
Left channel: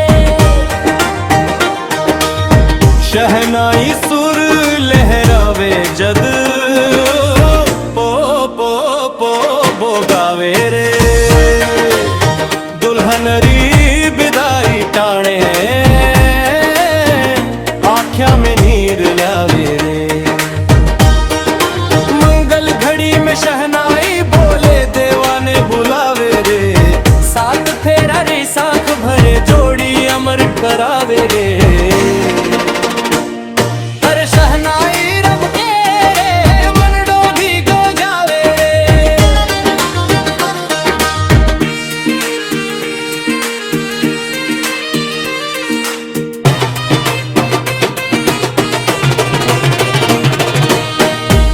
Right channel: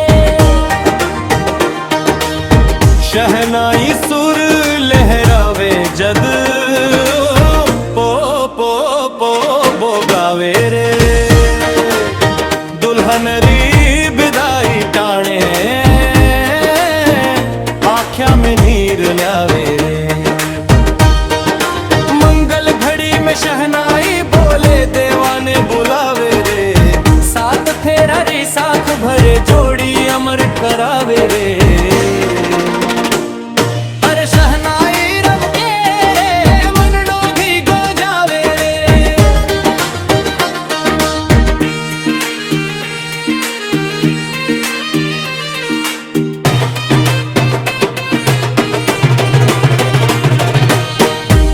शहनाई सुर लहरावे जद, पो पो पो बोगावे रे। दुल्हनरी विदाई टाणे, आँख्या में नीर ल्यावे रे। मंगल घड़ी में शहनाई बोले, देवाने बुलावे रे। सात फेरा रे साख भरे, जोड़ी अमर करावे रे। अरे शहनाई रम के रे, मनडो भी गो जावे रे।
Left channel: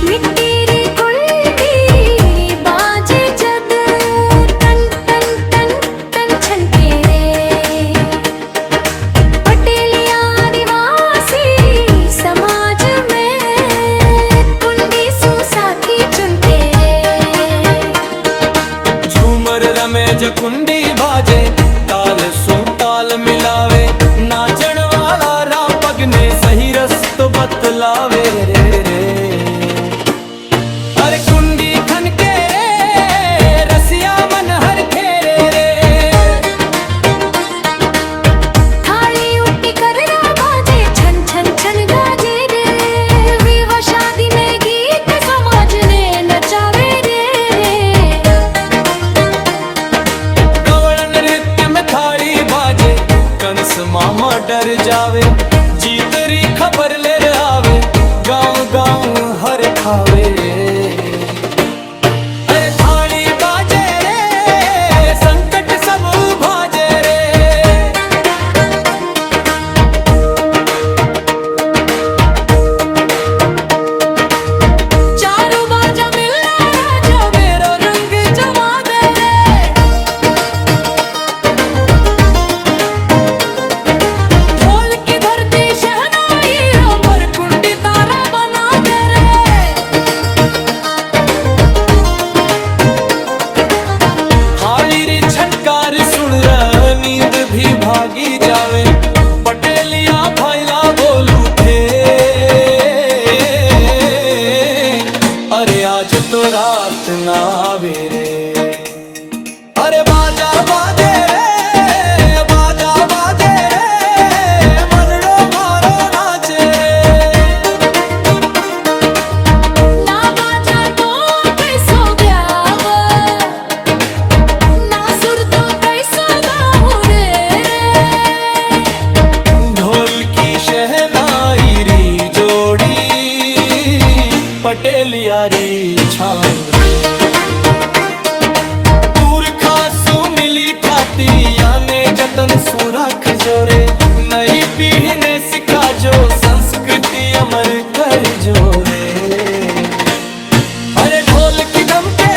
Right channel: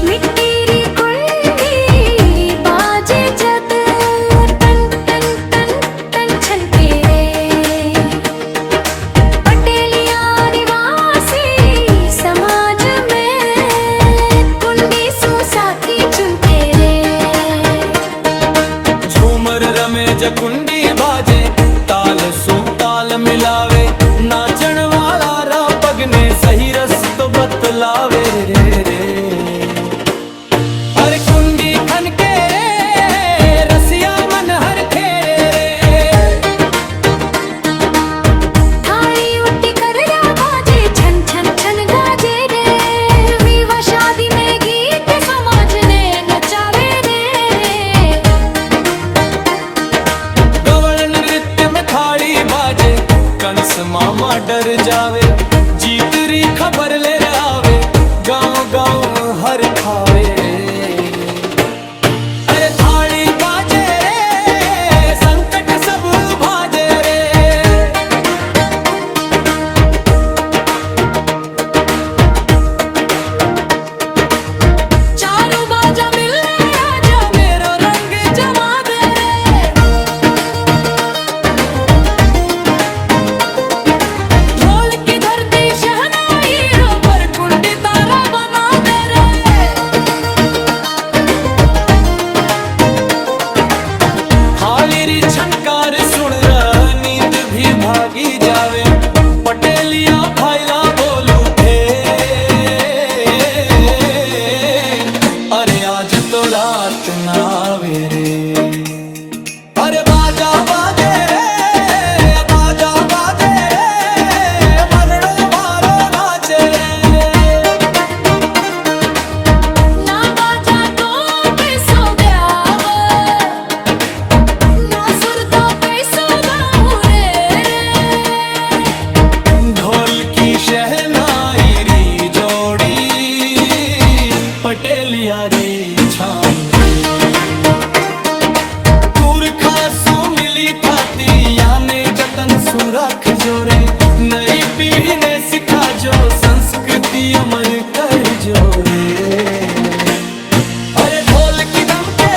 मिट्टी री कुंडी बाजे जद, टन टन टन टन छनके रे। पटेलिया निवासी समाज में, कुंडी सु साथी चुनके रे। झूमर रमे ज कुंडी बाजे, ताल सू ताल मिलावे। नाचन वाला रा पगने सही रस्तो बतलावे रे रे। अरे कुंडी खन के रे, रसिया मन हर खेरे रे। थाली उठी कर रा बाजे, छन छन छन गाजे रे। विवाह शादी में गीत समाज ने नचावे रे। गवळ नृत्य में थाली बाजे, कंस मामा डर जावे। जीत री खबर ले आवे, गाँव गाँव हर खावे रे। अरे थाली बाजे रे, संकट सब भाजे रे। चारों बाजा मिलना राजा, मेरो रंग जमा दे रे। ढोल की धरती शहनाई, अंबर कुंडी तारा बना दे रे। थाली री छनकार सुन र, नींद भी भागी जावे। पटेलिया भाईला बोल उठे, अरे आज तो रात ना आवे रे। अरे बाजा बाजे रे, बाजा बाजे रे, मनड़ो मारो नाचे रे। ना बाजा तो कैसो ब्याव, ना सुर तो कैसो गाऊं रे रे। ढोल की शहनाई री जोड़ी, प्यारी छाँव रे। पुरखा सु मिली थाती याने जतन सु रख जोरे, नई पीढ़ी ने सिखा जो संस्कृति अमर कर जोरे। अरे ढोल की दम के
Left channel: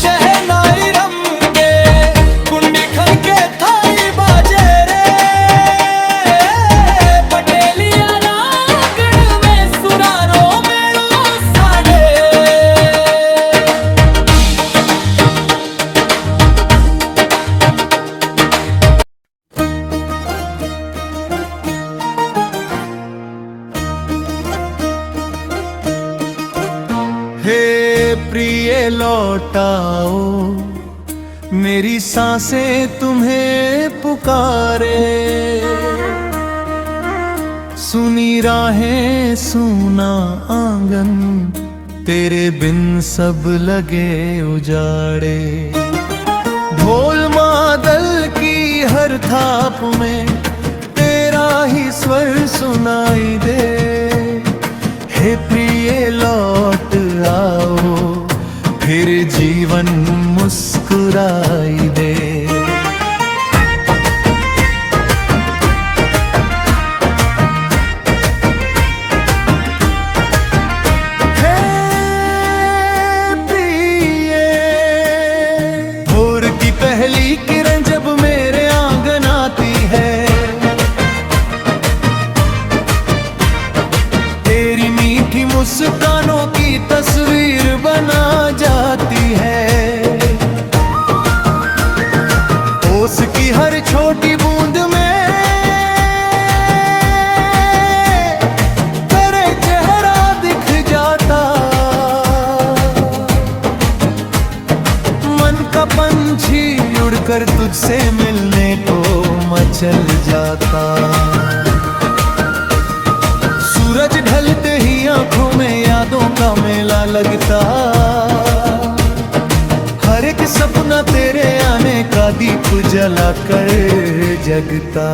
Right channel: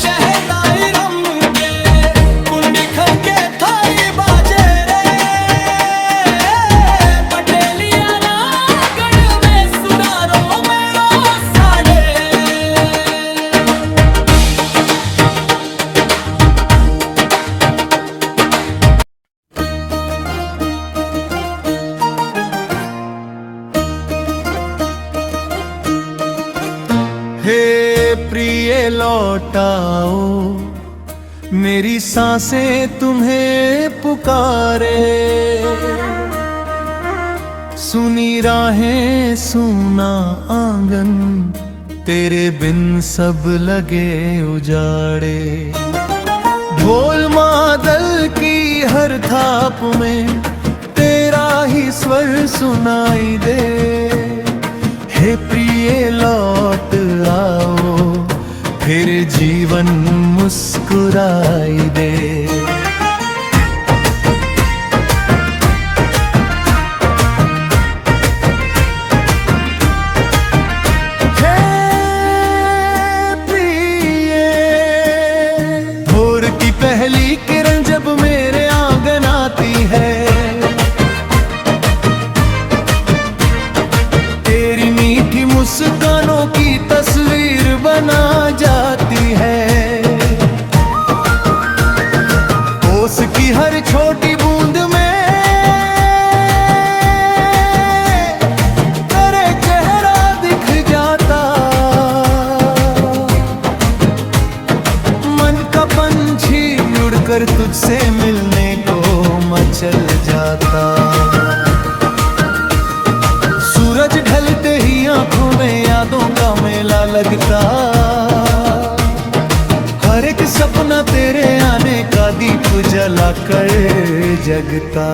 शहनाई रम के, कुंडी खन के थारी बाजे रे, पटेलिया रागण में सुरारो मेड़ो साड़े। हे प्रिय लौटाओ, मेरी सांसें तुम्हें पुकारे। सुनी राहें सुना आंगन, तेरे बिन सब लगे उजाड़े। ढोल मादल की हर थाप में तेरा ही स्वर सुनाई दे। हे प्रिय लौट आओ, फिर जीवन मुस्कुराई दे। हे प्रिय, भोर की पहली किरण जब मेरे आंगन आती है, तेरी मीठी मुस्कानों की तस्वीर बना जाती है। ओस की हर छोटी बूंद में तेरे चेहरा दिख जाता। मन का पंछी उड़कर तुझसे मिलने को मचल जाता। सूरज ढलते ही आंखों में यादों का मेला लगता। हर एक सपना तेरे आने का दीप जलाकर जगता।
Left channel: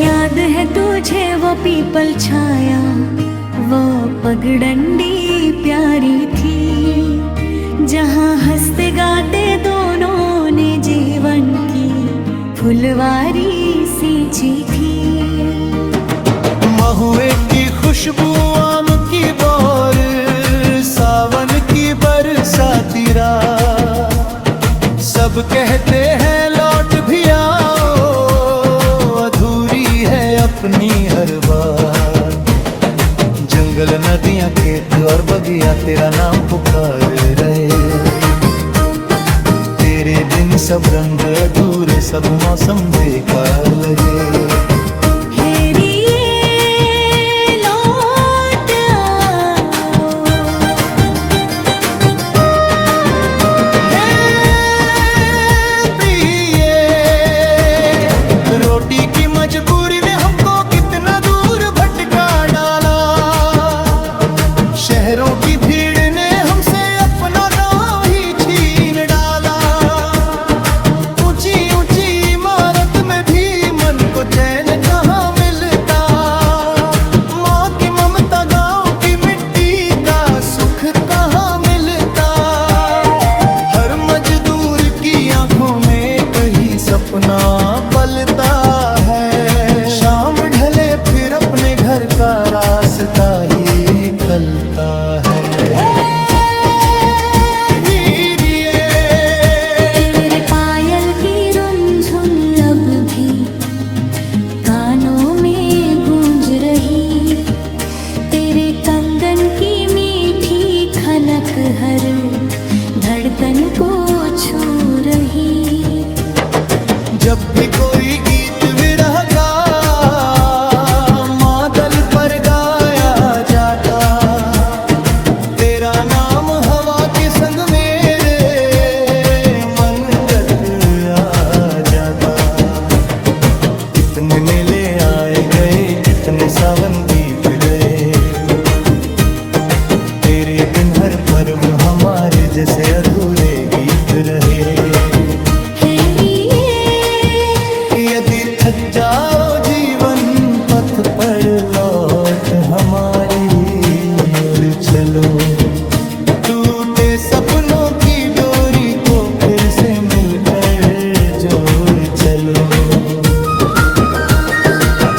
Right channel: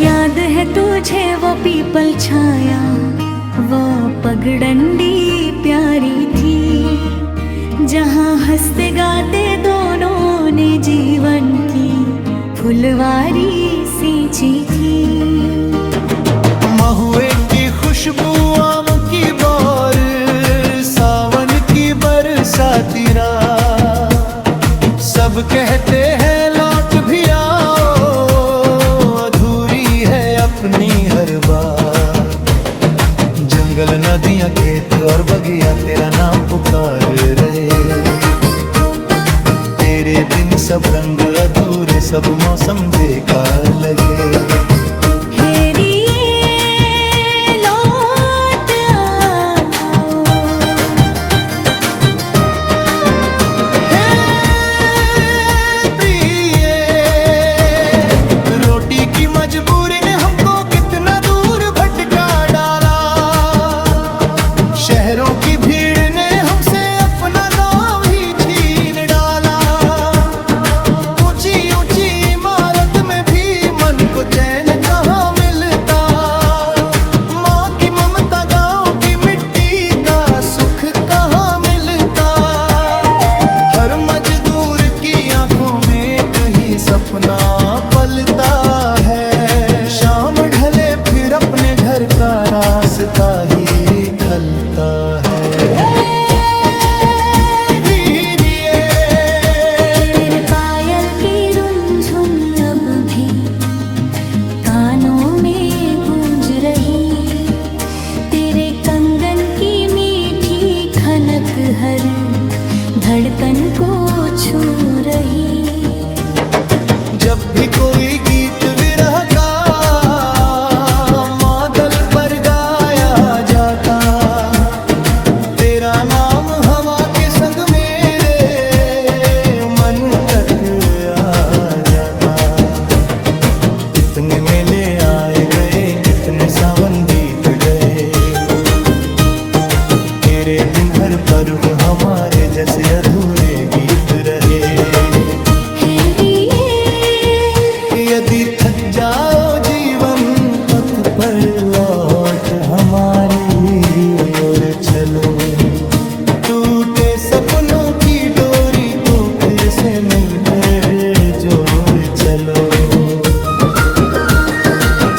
याद है तुझे वो पीपल छाया, वो पगडंडी प्यारी थी, जहाँ हंसते गाते दोनों ने जीवन की फुलवारी सींची थी। महुए की खुशबू, आम की बौर, सावन की बरसाती रात, सब कहते हैं लौट भी आओ, अधूरी है अपनी हर बात। जंगल नदियां खेत और बगिया तेरा नाम पुकार रहे। तेरे बिन सब रंग अधूरे, सब मौसम बेकार लगे। लौट आओ, हे प्रिय, रोटी की मजबूरी ने हमको कितना दूर भटका डाला। शहरों की भीड़ ने हमसे अपना गांव ही छीन डाला। ऊंची ऊंची इमारत में भी मन को चैन कहाँ मिलता। माँ की ममता, गांव की मिट्टी का सुख कहाँ मिलता। हर मजदूर की आंखों में एक ही सपना पलता है। शाम ढले फिर अपने घर का रास्ता ही खलता है। अब भी कानों में गूंज रही, तेरे कंगन की मीठी खनक हर धड़कन को छू रही। जब भी कोई गीत विरह का मादल पर गाया जाता, तेरा नाम हवा के संग मेरे मन तक आ जाता। कितने मेले आए गए, कितने सावन बीत गए, तेरे बिन हर पर्व हमारे जैसे अधूरे गीत रहे। हे यदि थक जाओ जीवन पथ पर लौट हमारी ओर चलो। टूटे सपनों की डोरी को फिर से मिलकर जोड़ चलो।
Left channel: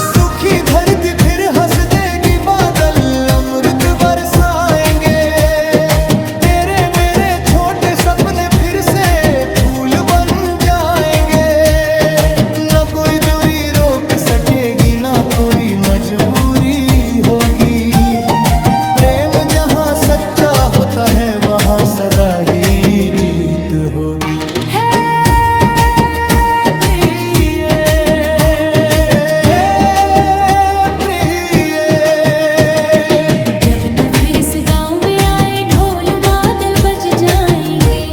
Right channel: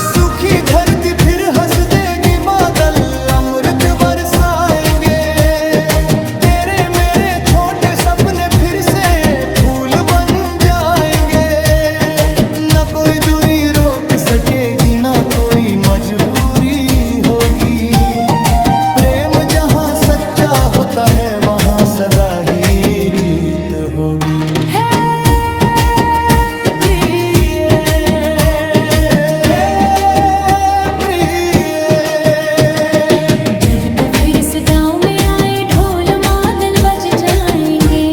सूखी धरती फिर हंस देगी, बादल अमृत बरसाएंगे। तेरे मेरे छोटे सपने फिर से फूल बन जाएंगे। न कोई दूरी रोक सकेगी, ना कोई मजबूरी होगी। प्रेम जहाँ सच्चा होता है वहाँ सदा ही जीत होगी। जब तू फिर इस गाँव में आए ढोल मादल बज जाएंगे।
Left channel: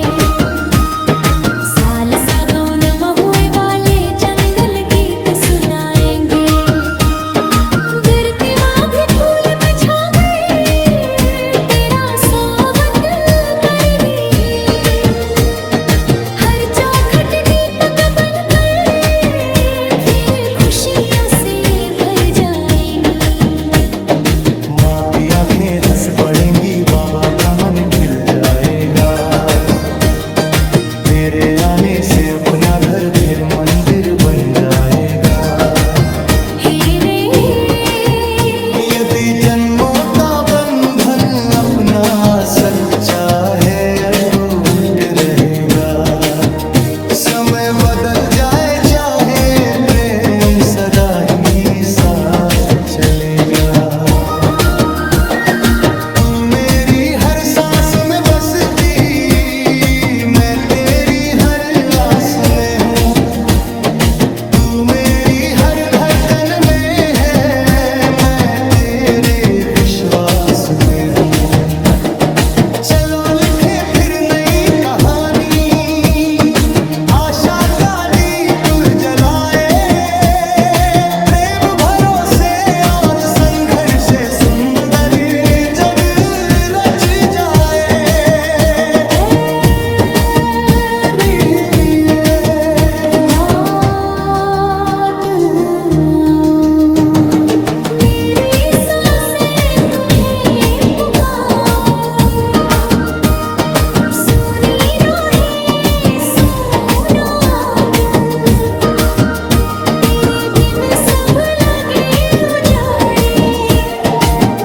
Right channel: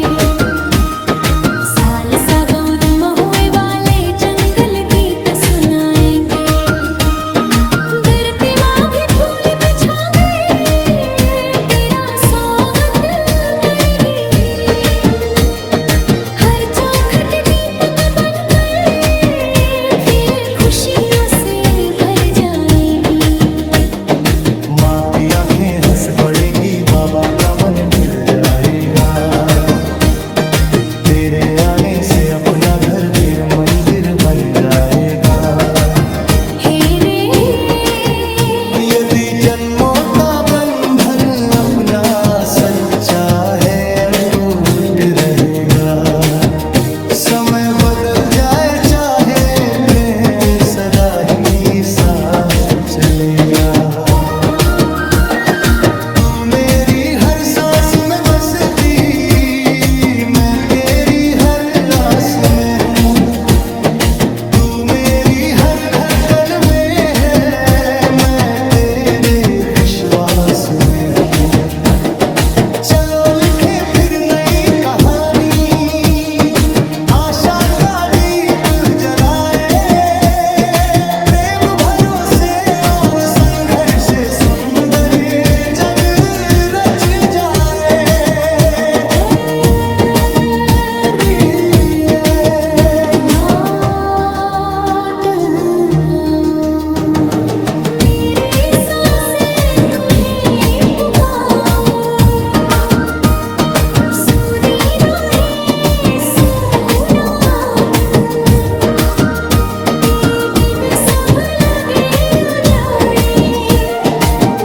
साल सागौन महुए वाले जंगल गीत सुनाएंगे। धरती माँ भी फूल बिछा गई, तेरा स्वागत करेगी। हर चौखट दीपक बनकर फिर खुशियों से भर जाएगी। माँ की आंखें हंस पड़ेंगी, बाबा का मन खिल जाएगा। तेरे आने से अपना घर फिर मंदिर बन जाएगा। हे रे यदि जन्मों का बंधन अपना सच्चा है, अटूट रहेगा। समय बदल जाए चाहे, प्रेम सदा ही साथ चलेगा। तू मेरी हर सांस में बसती, मैं तेरी हर आस में हूँ। तू मेरी हर धड़कन में है, मैं तेरे विश्वास में हूँ। चलो लिखे फिर नई कहानी, आशा का दीप जलाए। प्रेम भरोसे और संघर्ष से सुंदर जग रच जाए। लौट आओ, मेरी सांसें तुम्हें पुकारे। सुनी राहें सुना आंगन, तेरे बिन सब लगे उजाड़े।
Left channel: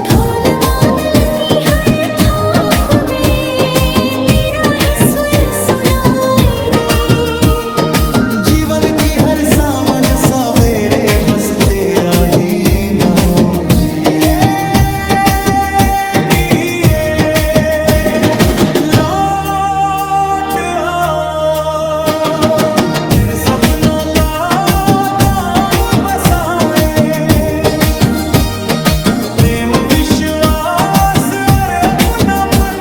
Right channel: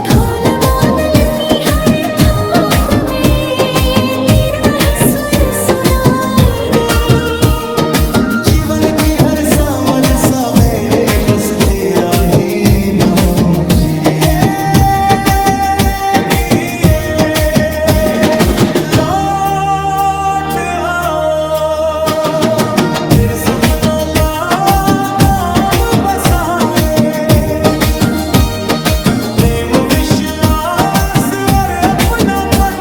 ढोल मादल की हर थाप में तेरा ही स्वर सुनाई दे। जीवन की हर समझ सवेरे बस तेरा ही नाम जिए। लौट आओ, फिर सपनों का गाँव बसाए। प्रेम विश्वास और अपनापन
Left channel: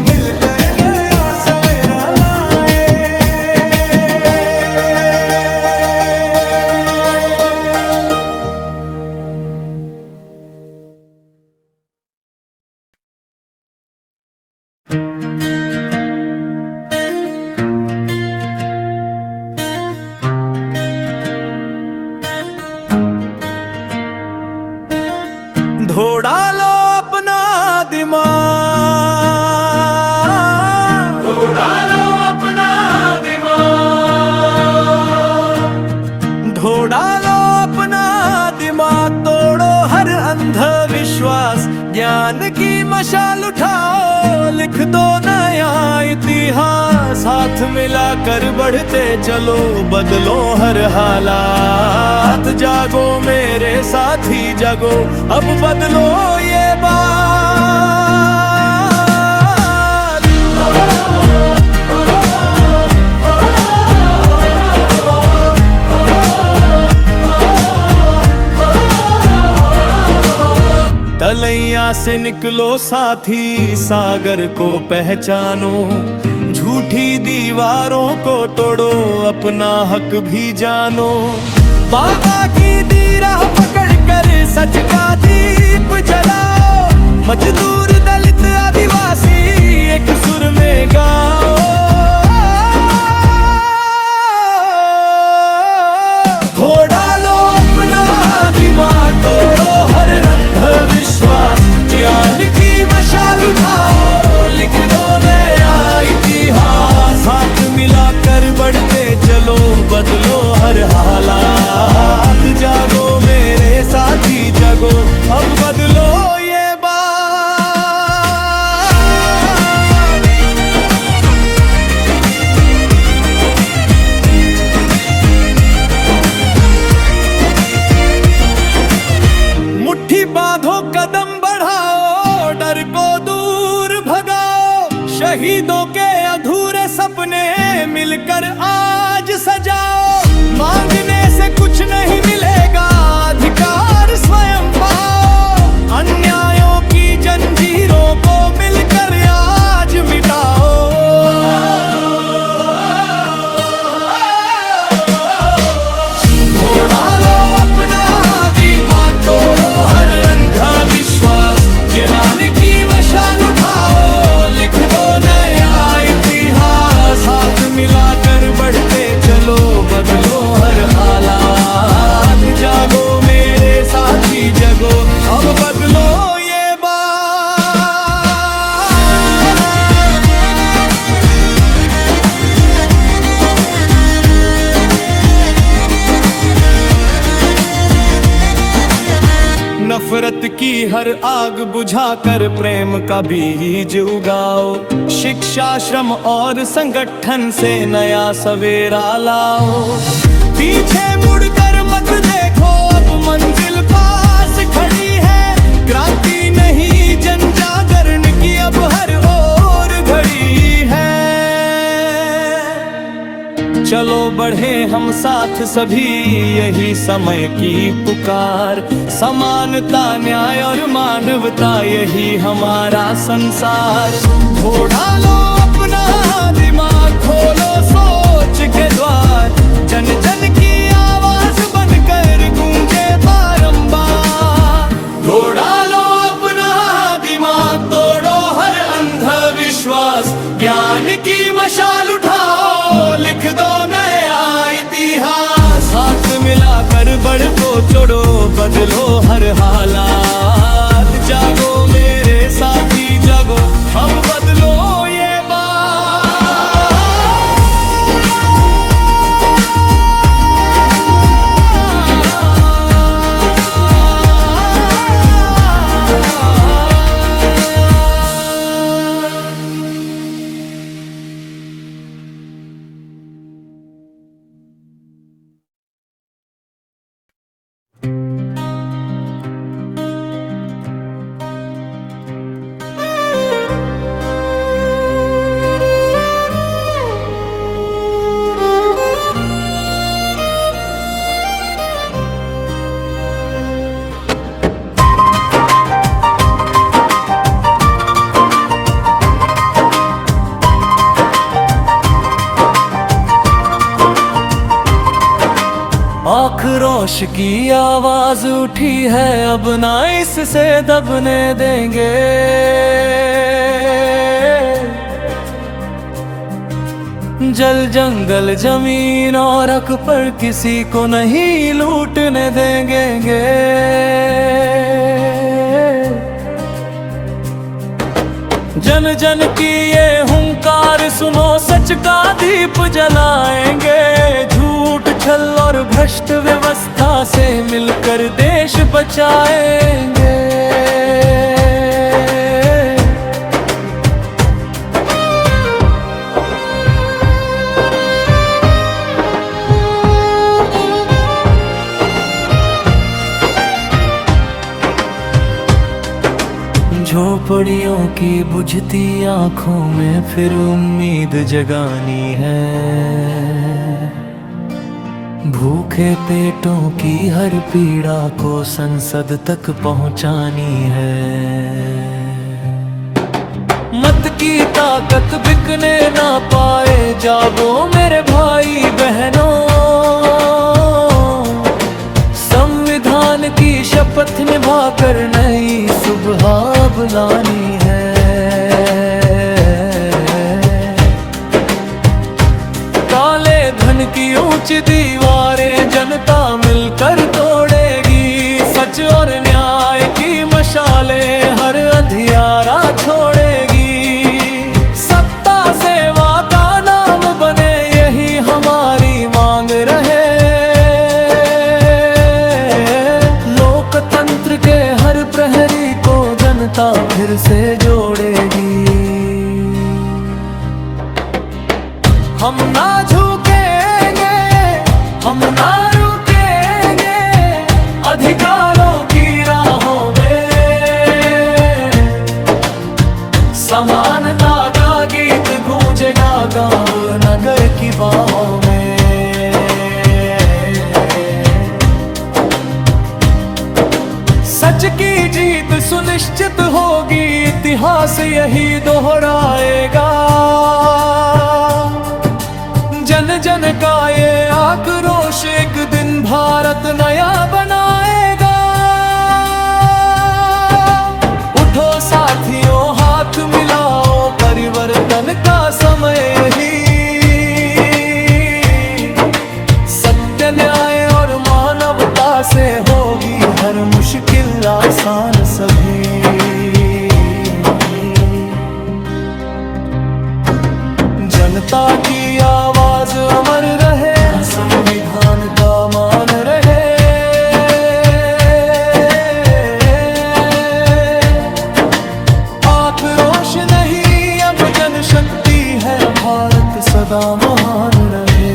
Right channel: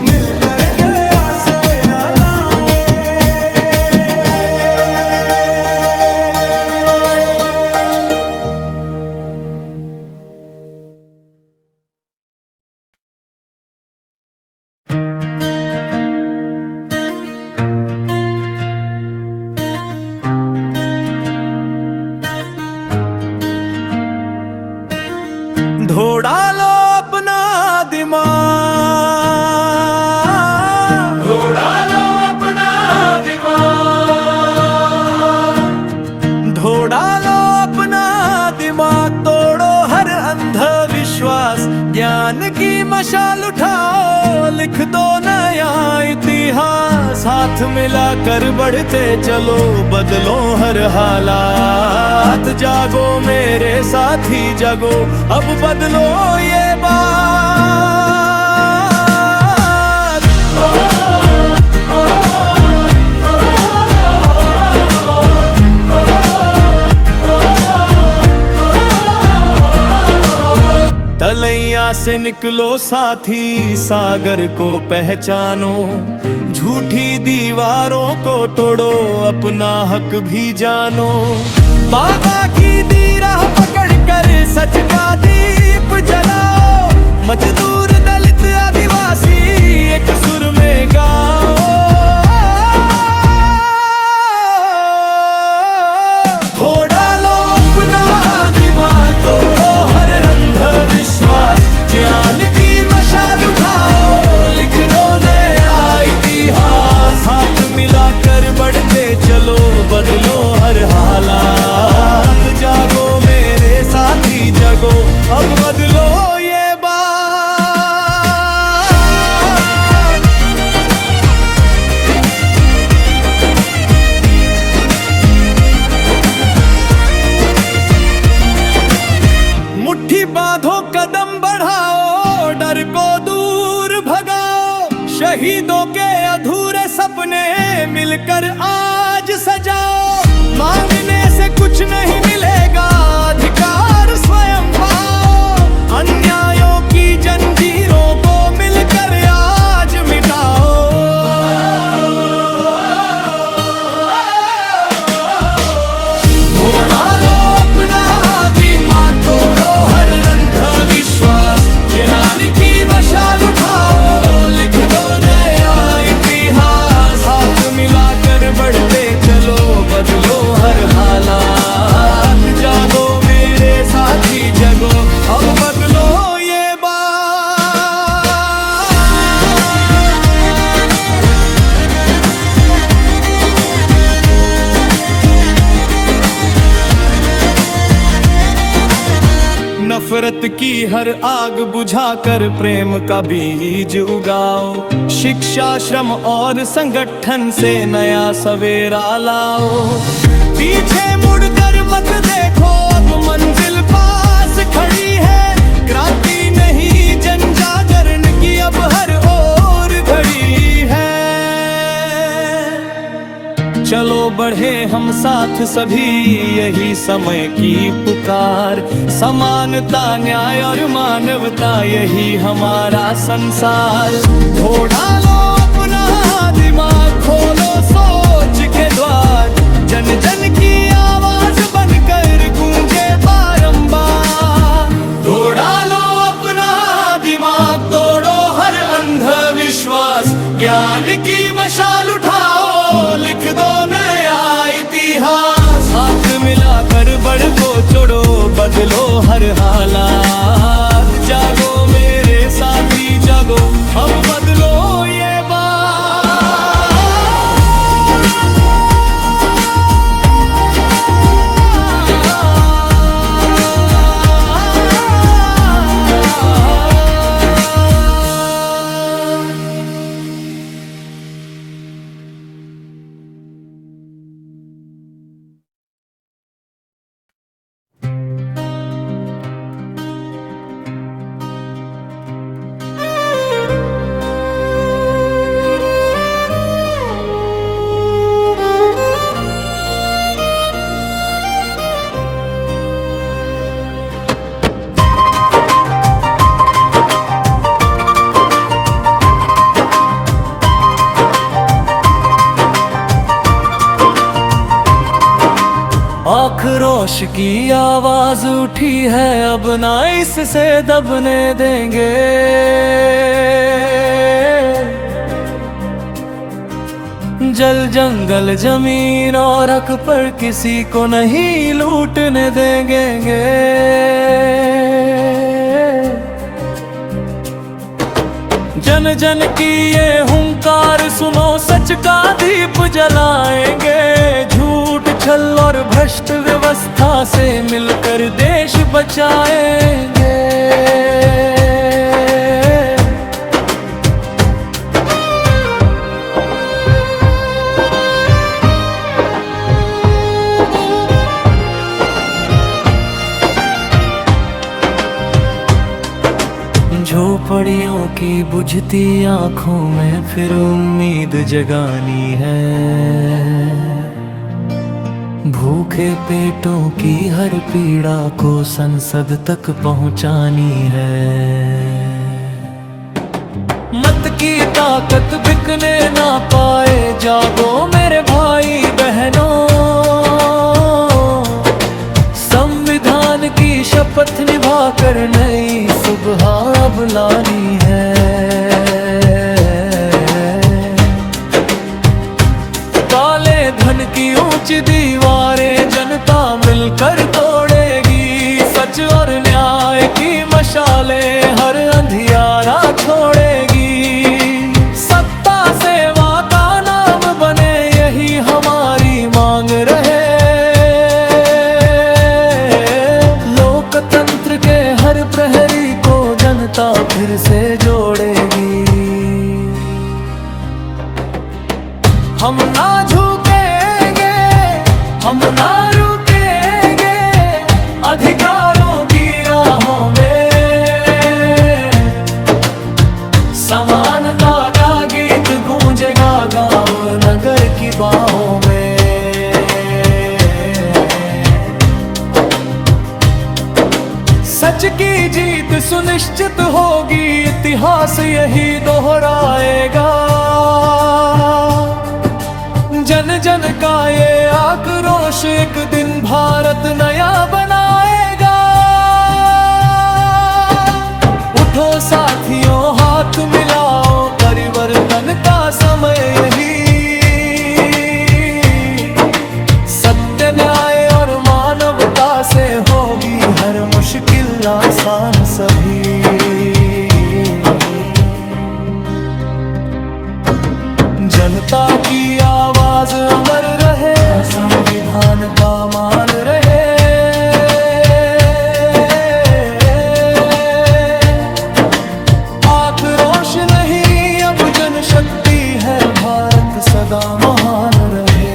मिलकर नया सवेरा लाए। धोड़ा लो अपना दिमाग, उड़ा लो अपना दिमाग। धोड़ा लो अपना दिमाग। तोड़ो हर अंधविश्वास, ज्ञान की मशाल उठाओ। लिख दो नया इतिहास, हाथ मिलाकर बढ़ते चलो। बदलो हर हालात, जागो मेरे साथी जागो। अब बदलो ये बात। तलैया से निकलो साथी, सागर को पहचानो। झूठी दीवारों को तोड़ो, अपना हक भी जानो। बाबा की दी राह पकड़ कर सच का दीप जलाओ। मजदूर दलित आदिवासी एक सुर में गाओ। घोड़ा मिलाकर बढ़ते चलो, बदलो हर हालात। जागो मेरे साथी जगो, अब बदलो ये बात। मुट्ठी बांधो, कदम बढ़ाओ, डर को दूर भगाओ। शहीदों के अधूरे सपने मिलकर आज सजाओ। मांगने से कुछ नहीं मिलेगा, अधिकार स्वयं पाओ। अन्यायों की जंजीरों को मिलकर आज मिटाओ। घोड़ा लो अपना, दिमाग तोड़ो हर रंगा विश्वास। जलाने की मशाल उठाओ, लिख दो नया इतिहास। हाथ मिलाकर बढ़ते चलो, बदलो हर हालात। जागो मेरे साथी जगो, अब बदलो ये बात। नफरत की हर आग बुझाकर प्रेम का बीज उगाओ। शिक्षा, श्रम और संगठन से नया सवेरा लाओ। पीछे मुड़कर मत देखो, अब मंजिल पास खड़ी है। क्रांति नहीं जन जागरण की अब हर ओर घड़ी है। चलो बढ़े हम साथ सभी, यही समय की पुकार। समानता, न्याय और मानवता, यही हमारा संसार। घोड़ा लो अपना, दिमाग खोलो सोच के द्वार। जन जन की आवाज बनकर गूंजे बारंबार। घोड़ा लो अपना, दिमाग तोड़ो हर अंधविश्वास। ज्ञान की मशाल उठाओ, लिख दो नया इतिहास। हाथ मिलाकर बढ़ को चढ़ो, बदलो हर हालात। जागो मेरे साथी जागो, अब बदलो ये आक्रोश की आवाज उठी है, अब ना इससे दबने देंगे। जल जंगल जमीन और हक पर किसी को नहीं लूटने देंगे। जन जन की ये हुंकार सुनो, सच का दीप जलाएंगे। झूठ, छल और भ्रष्ट व्यवस्था से मिलकर देश बचाएंगे। झोपड़ियों की बुझती आंखों में फिर उम्मीद जगानी है। भूखे पेटों की हर पीड़ा को संसद तक पहुंचानी है। मत की ताकत बिकने ना पाए, जागो मेरे भाई बहनों। संविधान की शपथ निभाकर नई सुबह बुलानी है। काले धन की ऊंची दीवारें जनता मिलकर तोड़ेगी। सच और न्याय की मशालें हर अंधियारा छोड़ेगी। सत्ता सेवा का नारा गुलाम बने यही हमारी मांग रहे। लोकतंत्र के हर प्रहरी को जनता फिर से जोड़ेगी। हम ना झुकेंगे, हम ना रुकेंगे अधिकारों की राहों में। समानता का गीत गूंजेगा गांव नगर की बाहों में। सच की जीत सुनिश्चित होगी, इतिहास यही दोहराएगा। जन जन का ये आक्रोश एक दिन भारत नया बनाएगा। उठो साथियों हाथ मिलाओ, परिवर्तन का समय यही। सत्य न्याय और मानवता से होगी हर मुश्किल आसान सभी। जनता की आवाज अमर रहे, संविधान का मान रहे। आक्रोश नहीं अब जनशक्ति है, भारत सदा महान रहे।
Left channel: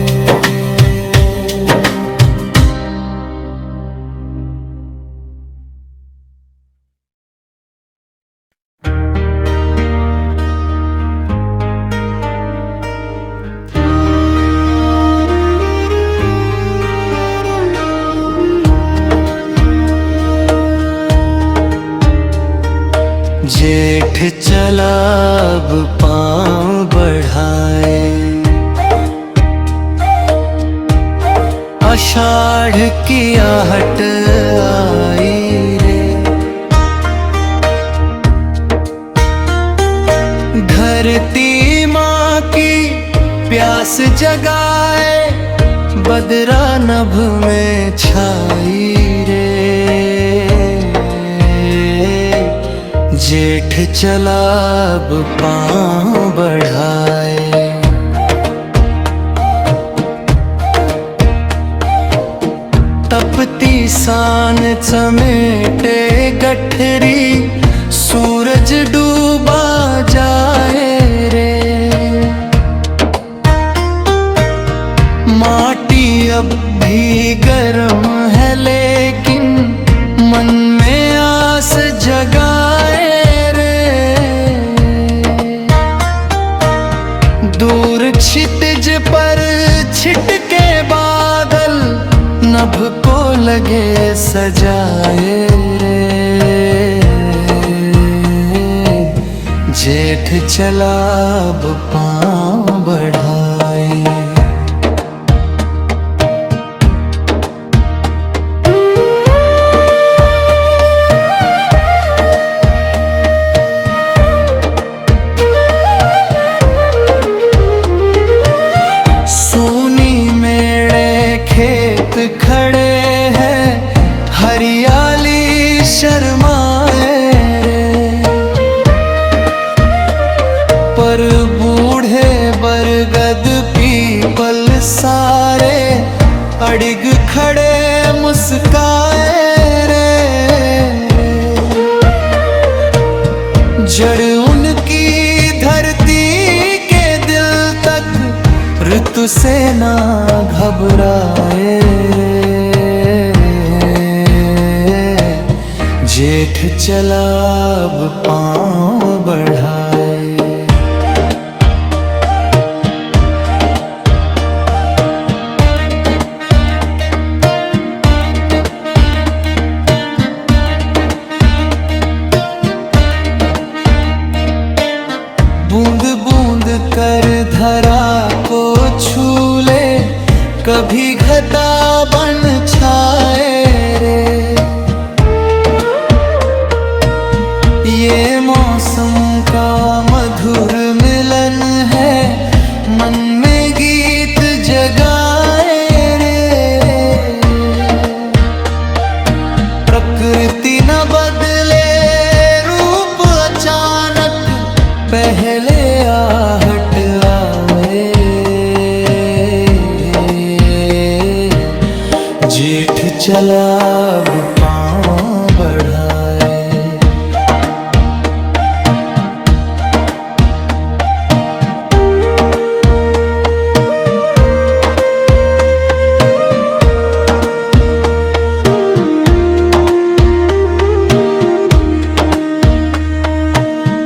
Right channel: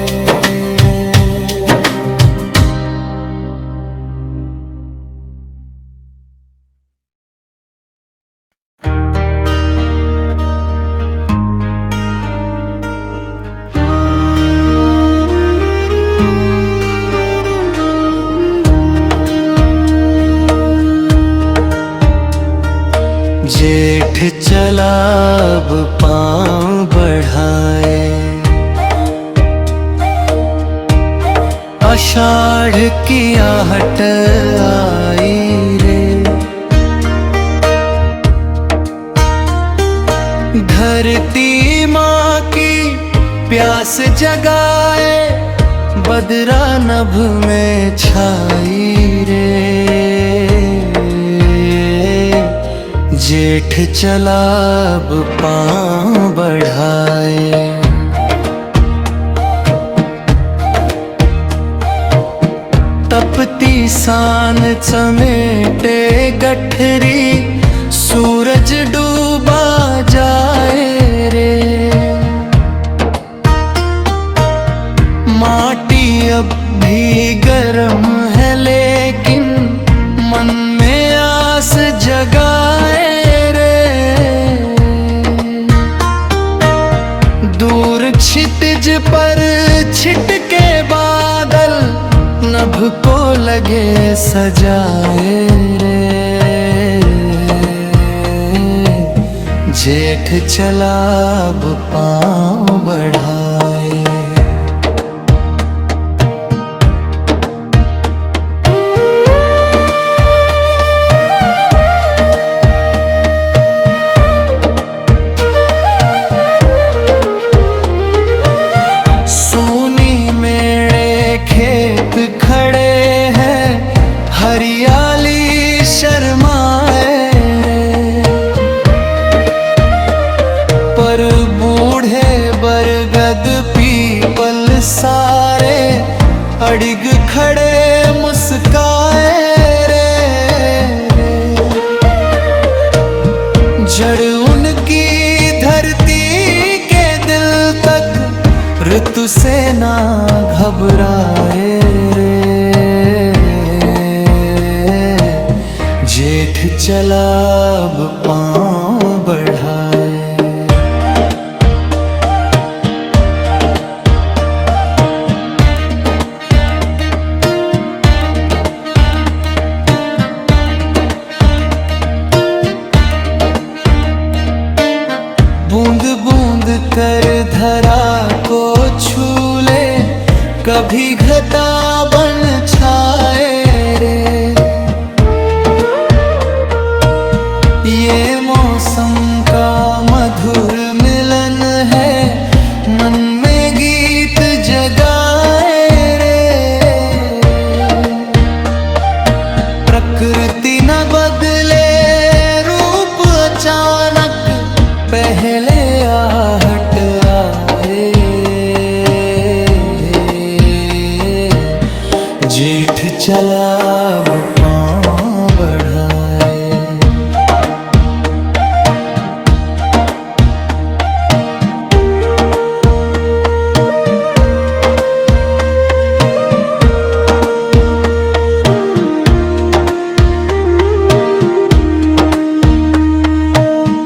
जेठ चला अब पाँव बढ़ाए, आषाढ़ की आहट आई रे। धरती माँ की प्यास जगाए, बदरा नभ में छाई रे। जेठ चला अब पाँव बढ़ाए, तपती सान समेटे गठरी, सूरज डूबा जाए रे। माटी अब भी गर्म है लेकिन मन में आस जगाए रे। दूर क्षितिज पर छिटके बादल, नभ को लगे सजाए रे। जेठ चला अब पाँव बढ़ाए। खेत खड़े हैं हरियाली शर्माए रे। पर बूढ़े बरगद पीपल सारे, अडिग खड़े मुस्काए रे। जड़ उनकी धरती के दिल तक, ऋतु से ना घबराए रे। जेठ चला अब पाँव बढ़ाए। बूंद बूंद कर धरा को छू ले, कभी घटा बन छाए रे। ये मौसम का मधुर मिलन है, मन में गीत जगाए रे। प्रकृति न बदले रूप अचानक, पहले आहट आए चला अब पाँव बढ़ाए।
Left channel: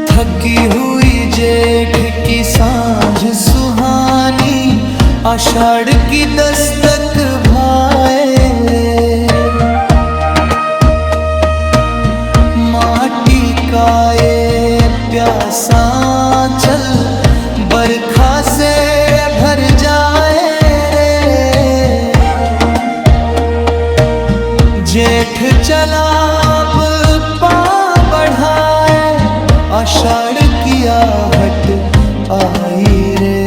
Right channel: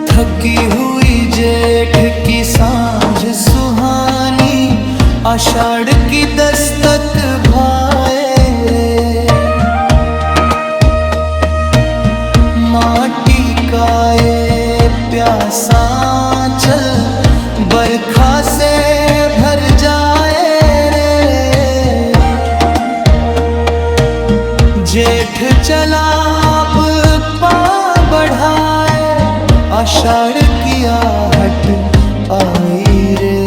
थकी हुई जेठ की सांझ सुहानी, आषाढ़ की दस्तक भाए रे। माटी का ये प्यासा चल बरखा से भर जाए रे। जेठ चला अब पाँव बढ़ाए, आषाढ़ की आहट आई रे।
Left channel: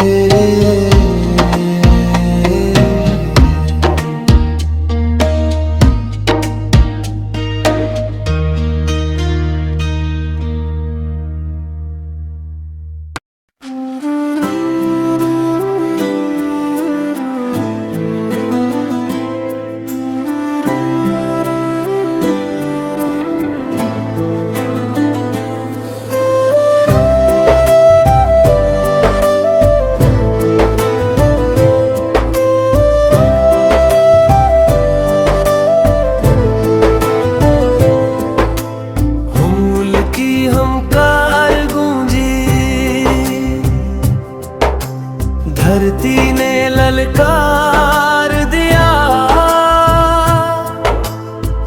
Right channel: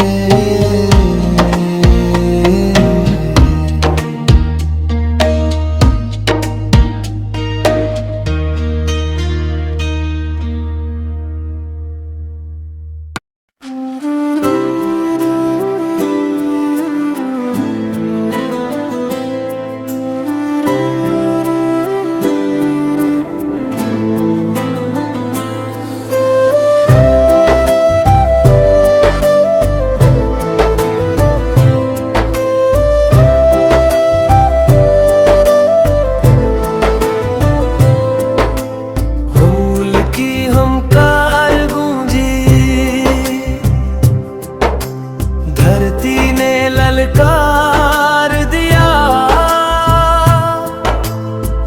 धरती ने ललकार दिया,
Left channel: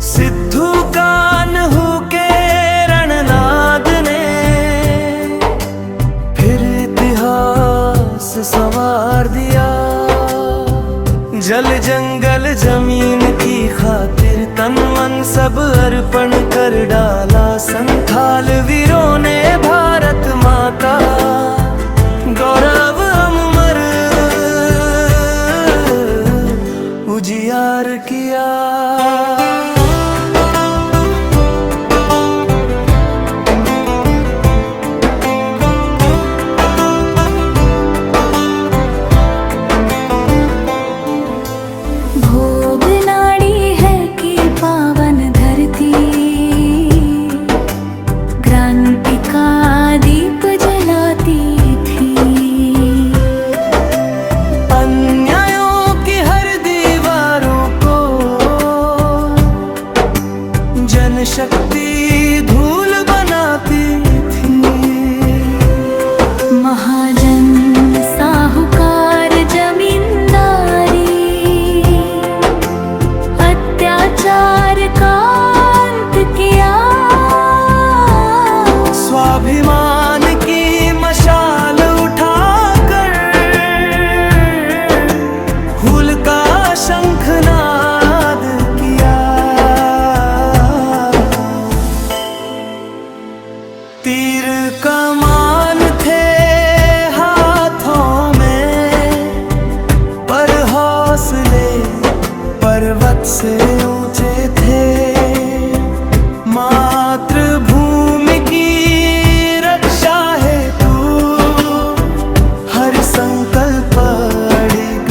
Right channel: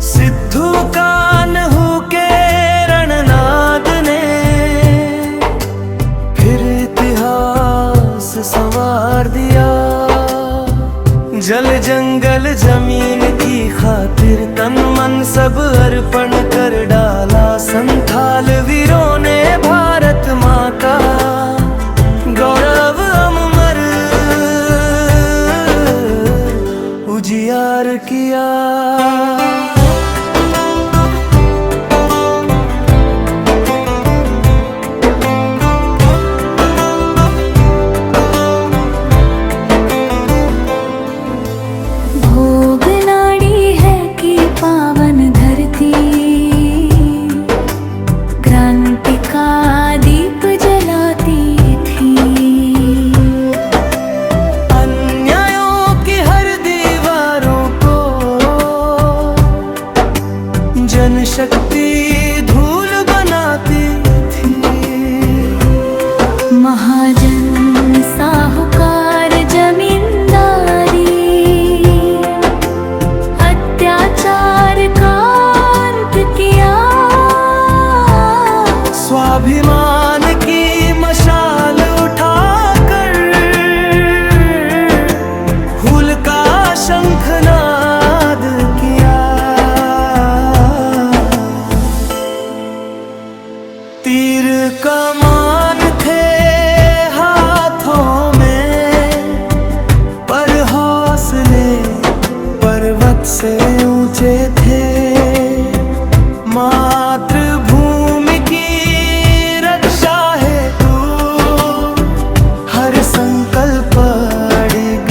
सिद्धू कान्हू के रणनाद ने फिर इतिहास संवार दिया। जल जंगल जमीन की खातिर तन मन सब अर्पण कर डाला। संथाल वीरों ने भारत माँ का गौरव अमर उजियार किया। भोग नाड़ी है कि पावन धरती, क्रांति का दीप जलाती थी। अन्यायों की हर दीवारों को जनशक्ति धूल बनाती थी। महाजन साहूकार जमींदारी अत्याचार का अंत किया। स्वाभिमान की मशाल उठाकर हुल का शंखनाद किया। तीर कमान थे हाथों में, पर हौसले पर्वत से ऊंचे थे। मातृभूमि की रक्षा है तू, हर संकल्प अड़िग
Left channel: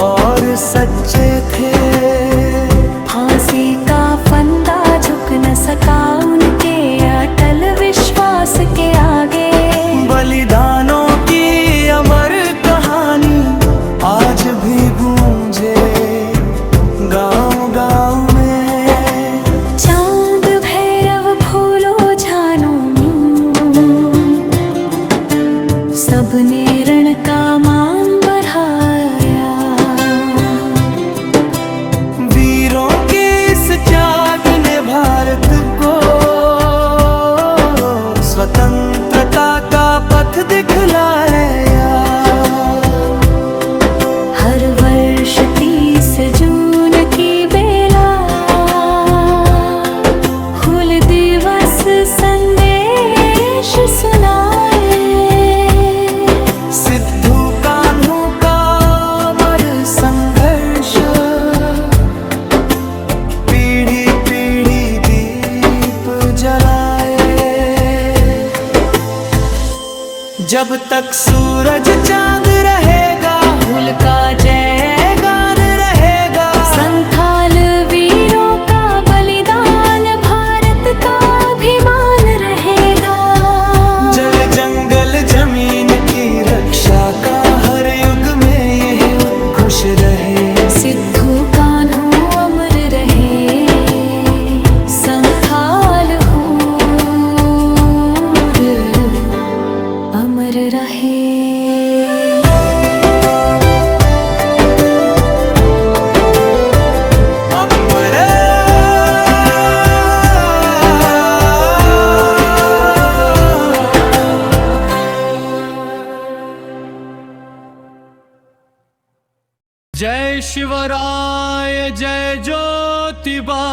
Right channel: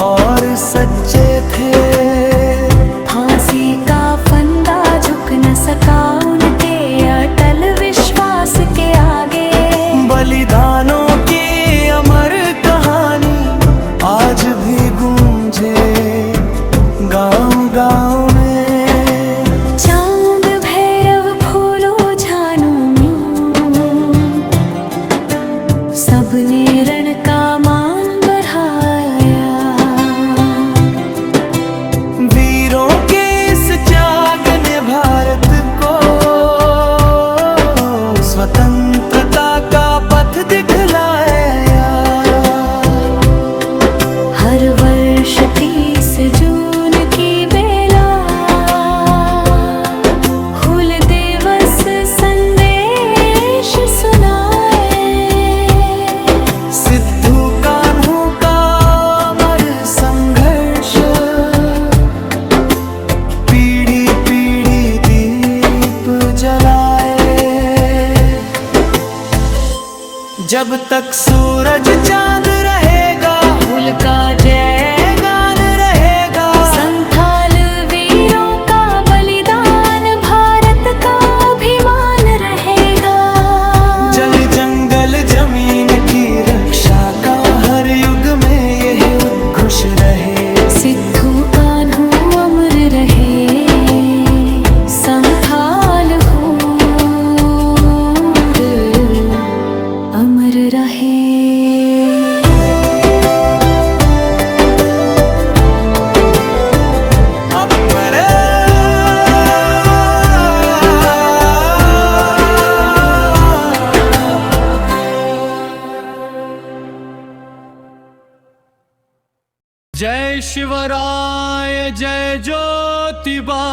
और सच्चे थे। फांसी का फंदा झुक न सका उनके अटल विश्वास के आगे। बलिदानों की अमर कहानी आज भी गूंजे गांव गांव में। चांद भैरव फूलो झानू सबने रण का मान बढ़ाया। वीरों के इस त्याग ने भारत को स्वतंत्रता का पथ दिखलाया। हर वर्ष 30 जून की बेला हुल दिवस संदेश सुनाए। सिद्धू कान्हू का अमर संघर्ष पीढ़ी पीढ़ी दीप जलाए। जब तक सूरज चांद रहेगा, हुल का जय गान रहेगा। संथाल वीर बहन की रक्षा का हर युग में यही उद्घोष रहे। सिद्धू कान्हू अमर रहे, समथाल हूर अमर रहे। अमर जय शिवराय जय ज्योतिबा,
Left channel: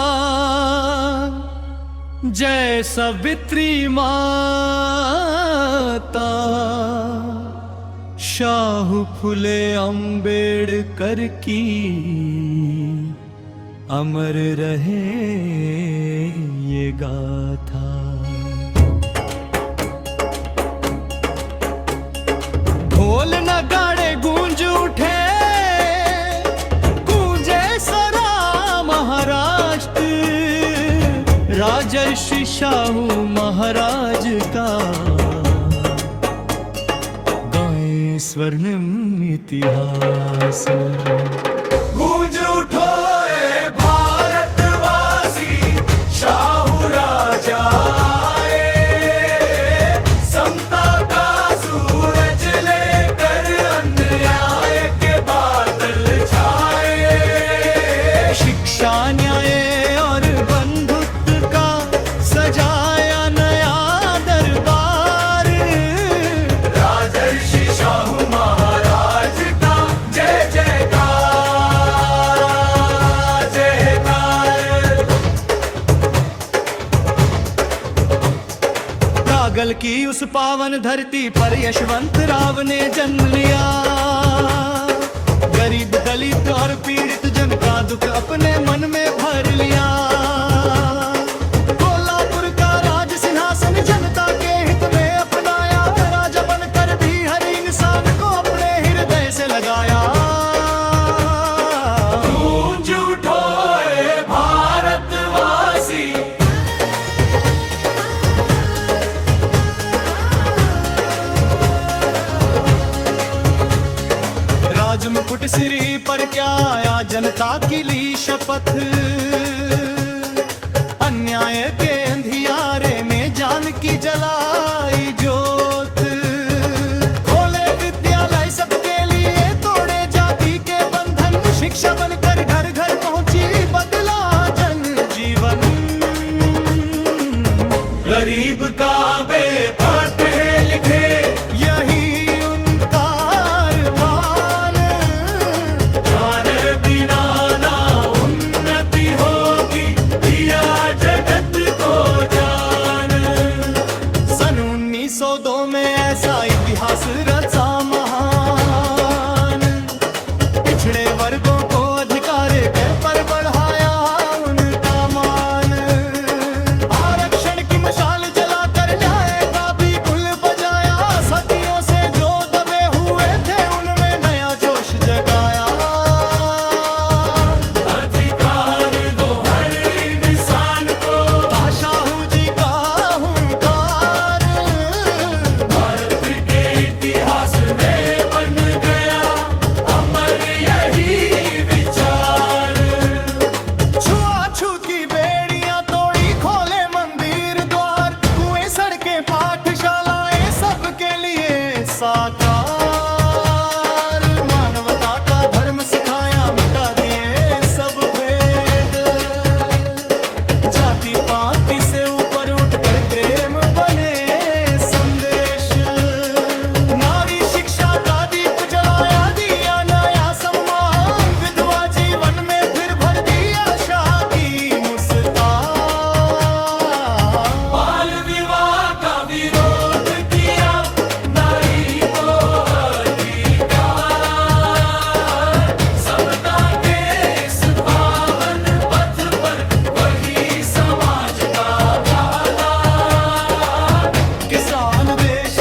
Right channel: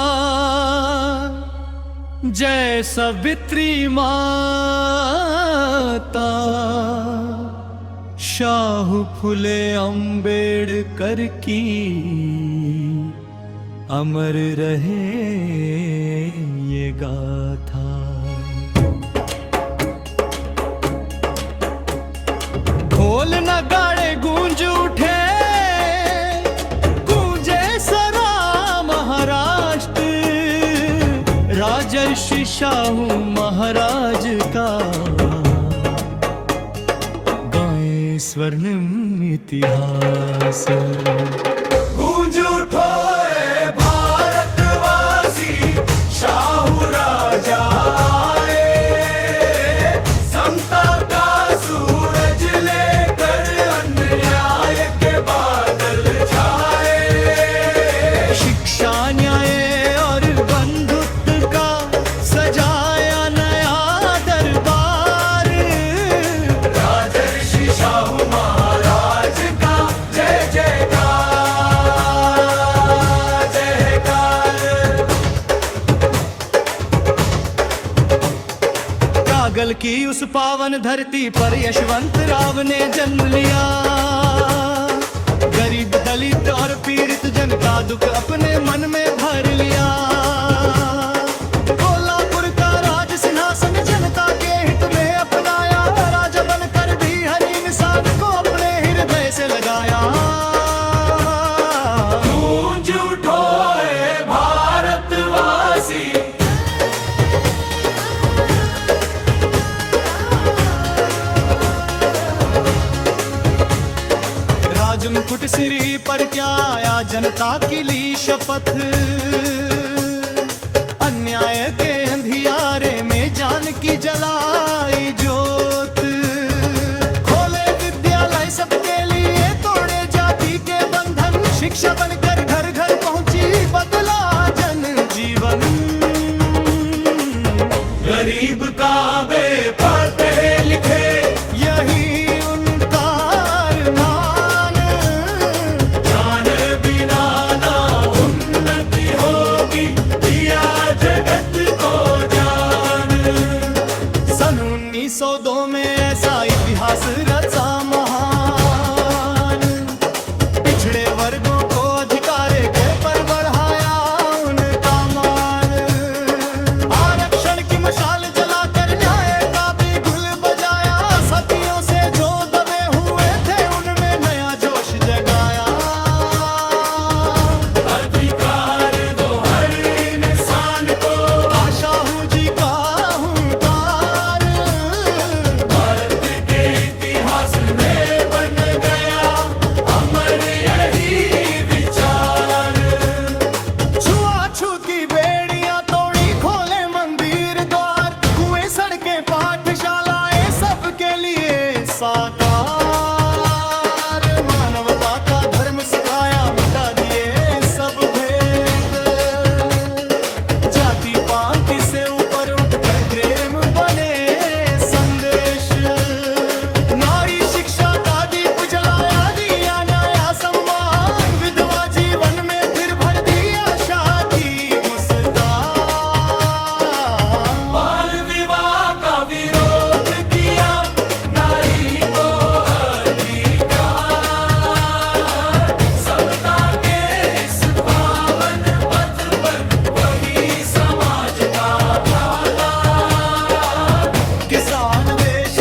जय सावित्री माता, शाहू फुले अम्बेडकर की अमर रहे ये गाथा। ढोल नगाड़े गूंज उठे, सरा महाराष्ट्र, राजर्षि शाहू महाराज का गाए स्वर्णिम इतिहास। गूंज उठो रे भारतवासी, शाहू राजा आए, समता का सूरज लेकर अन्याय के बादल छाए। शिक्षा न्याय और बंधुत्व का सजाया नया दरबार, राजर्षि शाहू महाराज का जय जयकार जयकार। कागल की उस पावन धरती पर यशवंत राव ने जन्म लिया। गरीब दलित और पीड़ित जन का दुख अपने मन में भर लिया। कोल्हापुर का राज सिंहासन जनता के हित में अपनाया, राजा बनकर भी हर इंसान को अपने हृदय से लगाया। गूंज उठो रे भारतवासी, राजमुकुट सिरी पर क्या आया, जनता की ली शपथ। अन्याय के अंधियारे में जान की जलाई जोत। खोले विद्यालय सबके लिए, तोड़े जाति के बंधन। शिक्षा बनकर घर घर पहुंची, बदला जन जीवन। गरीब का वे पढ़े लिखे, यही उनका अरमान। जाने बिना ना उन्नति होगी, दिया जगत को जान। सन 1902 में ऐसा इतिहास रचा महान। पिछड़े वर्गों को अधिकार के पर बढ़ाया उनका मान। आरक्षण की मशाल जलाकर न्याय का भी गुल बजाया। सतियों से जो दबे हुए थे, उनमें नया जोश जगाया। अधिकार दो हर इंसान को, शाहू जी का हुंकार भारत के इतिहास में बन गया अमर यही विचार। छुआछूत की बेड़ियां तोड़ी, खोले मंदिर द्वार। कुएं सड़कें पाठशालाएं सबके लिए साकार। मानवता का धर्म सिखाया, मिटा दिए सब भेद। जाति पांति से ऊपर उठकर प्रेम बने संदेश। नारी शिक्षा का दीप जलाया, दिया नया सम्मान। विधवा जीवन में फिर भर दी आशा की मुस्कान। बाल विवाह का विरोध किया, नारी को अधिकार। समता के इस पावन पथ पर वही समाज का धागा। किसान देश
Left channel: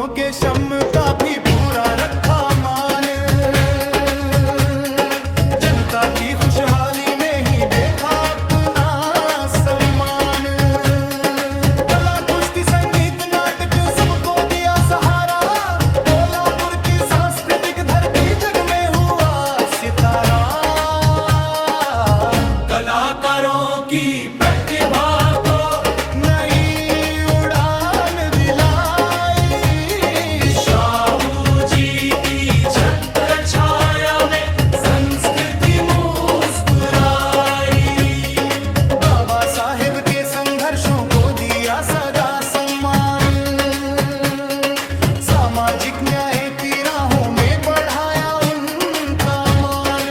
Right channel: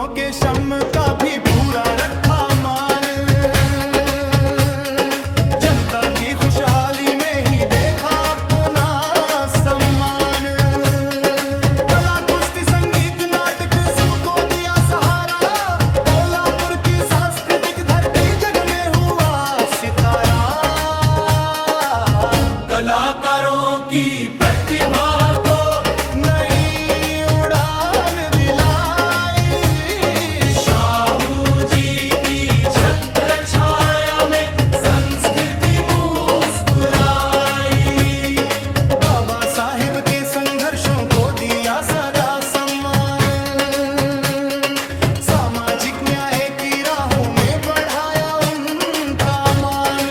मजदूरों के श्रम का भी पूरा रखा मान, जनता की खुशहाली में ही देखा अपना सम्मान। कला कुश्ती संगीत नाटक सबको दिया सहारा, कोल्हापुर की सांस्कृतिक धरती जग में हुआ सितारा। कलाकारों की प्रतिभा को नई उड़ान दिलाई, शाहू जी की छत्र छाया में संस्कृति मुस्कुराई। बाबा साहिब के संघर्षों को दिया सदा सम्मान, सामाजिक न्याय की राहों में बढ़ाया उनका मान।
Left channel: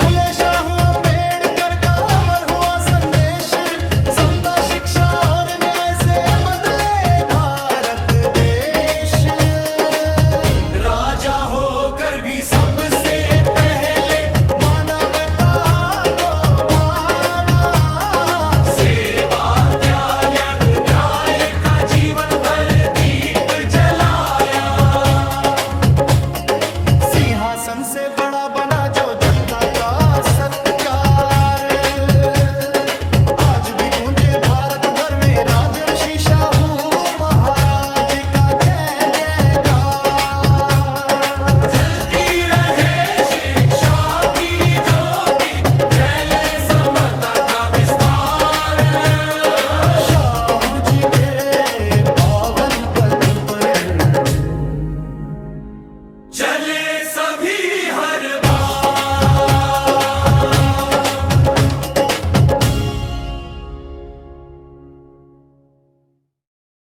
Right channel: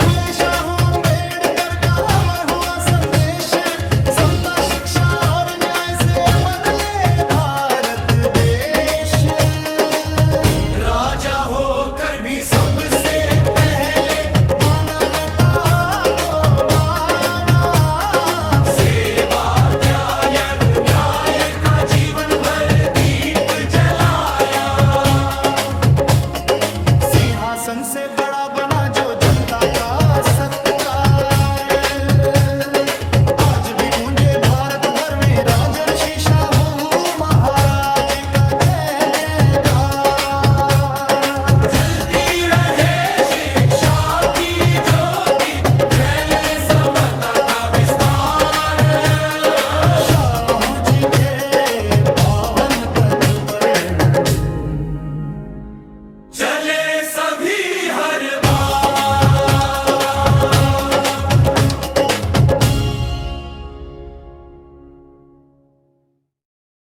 फुले शाहू अम्बेडकर का अमर हुआ संदेश, समता शिक्षा और न्याय से बदले भारत देश। राजा होकर भी सबसे पहले मानवता को माना, सेवा त्याग न्याय का जीवन भर दीप जलाया। सिंहासन से बड़ा बना जो जनता का सत्कार, आज भी गूंजे भारत भर में राजर्षि शाहू महाराज का जय जयकार। जलती रहे शिक्षा की ज्योति, फैले समता का विस्तार। शाहू जी के पावन पथ पर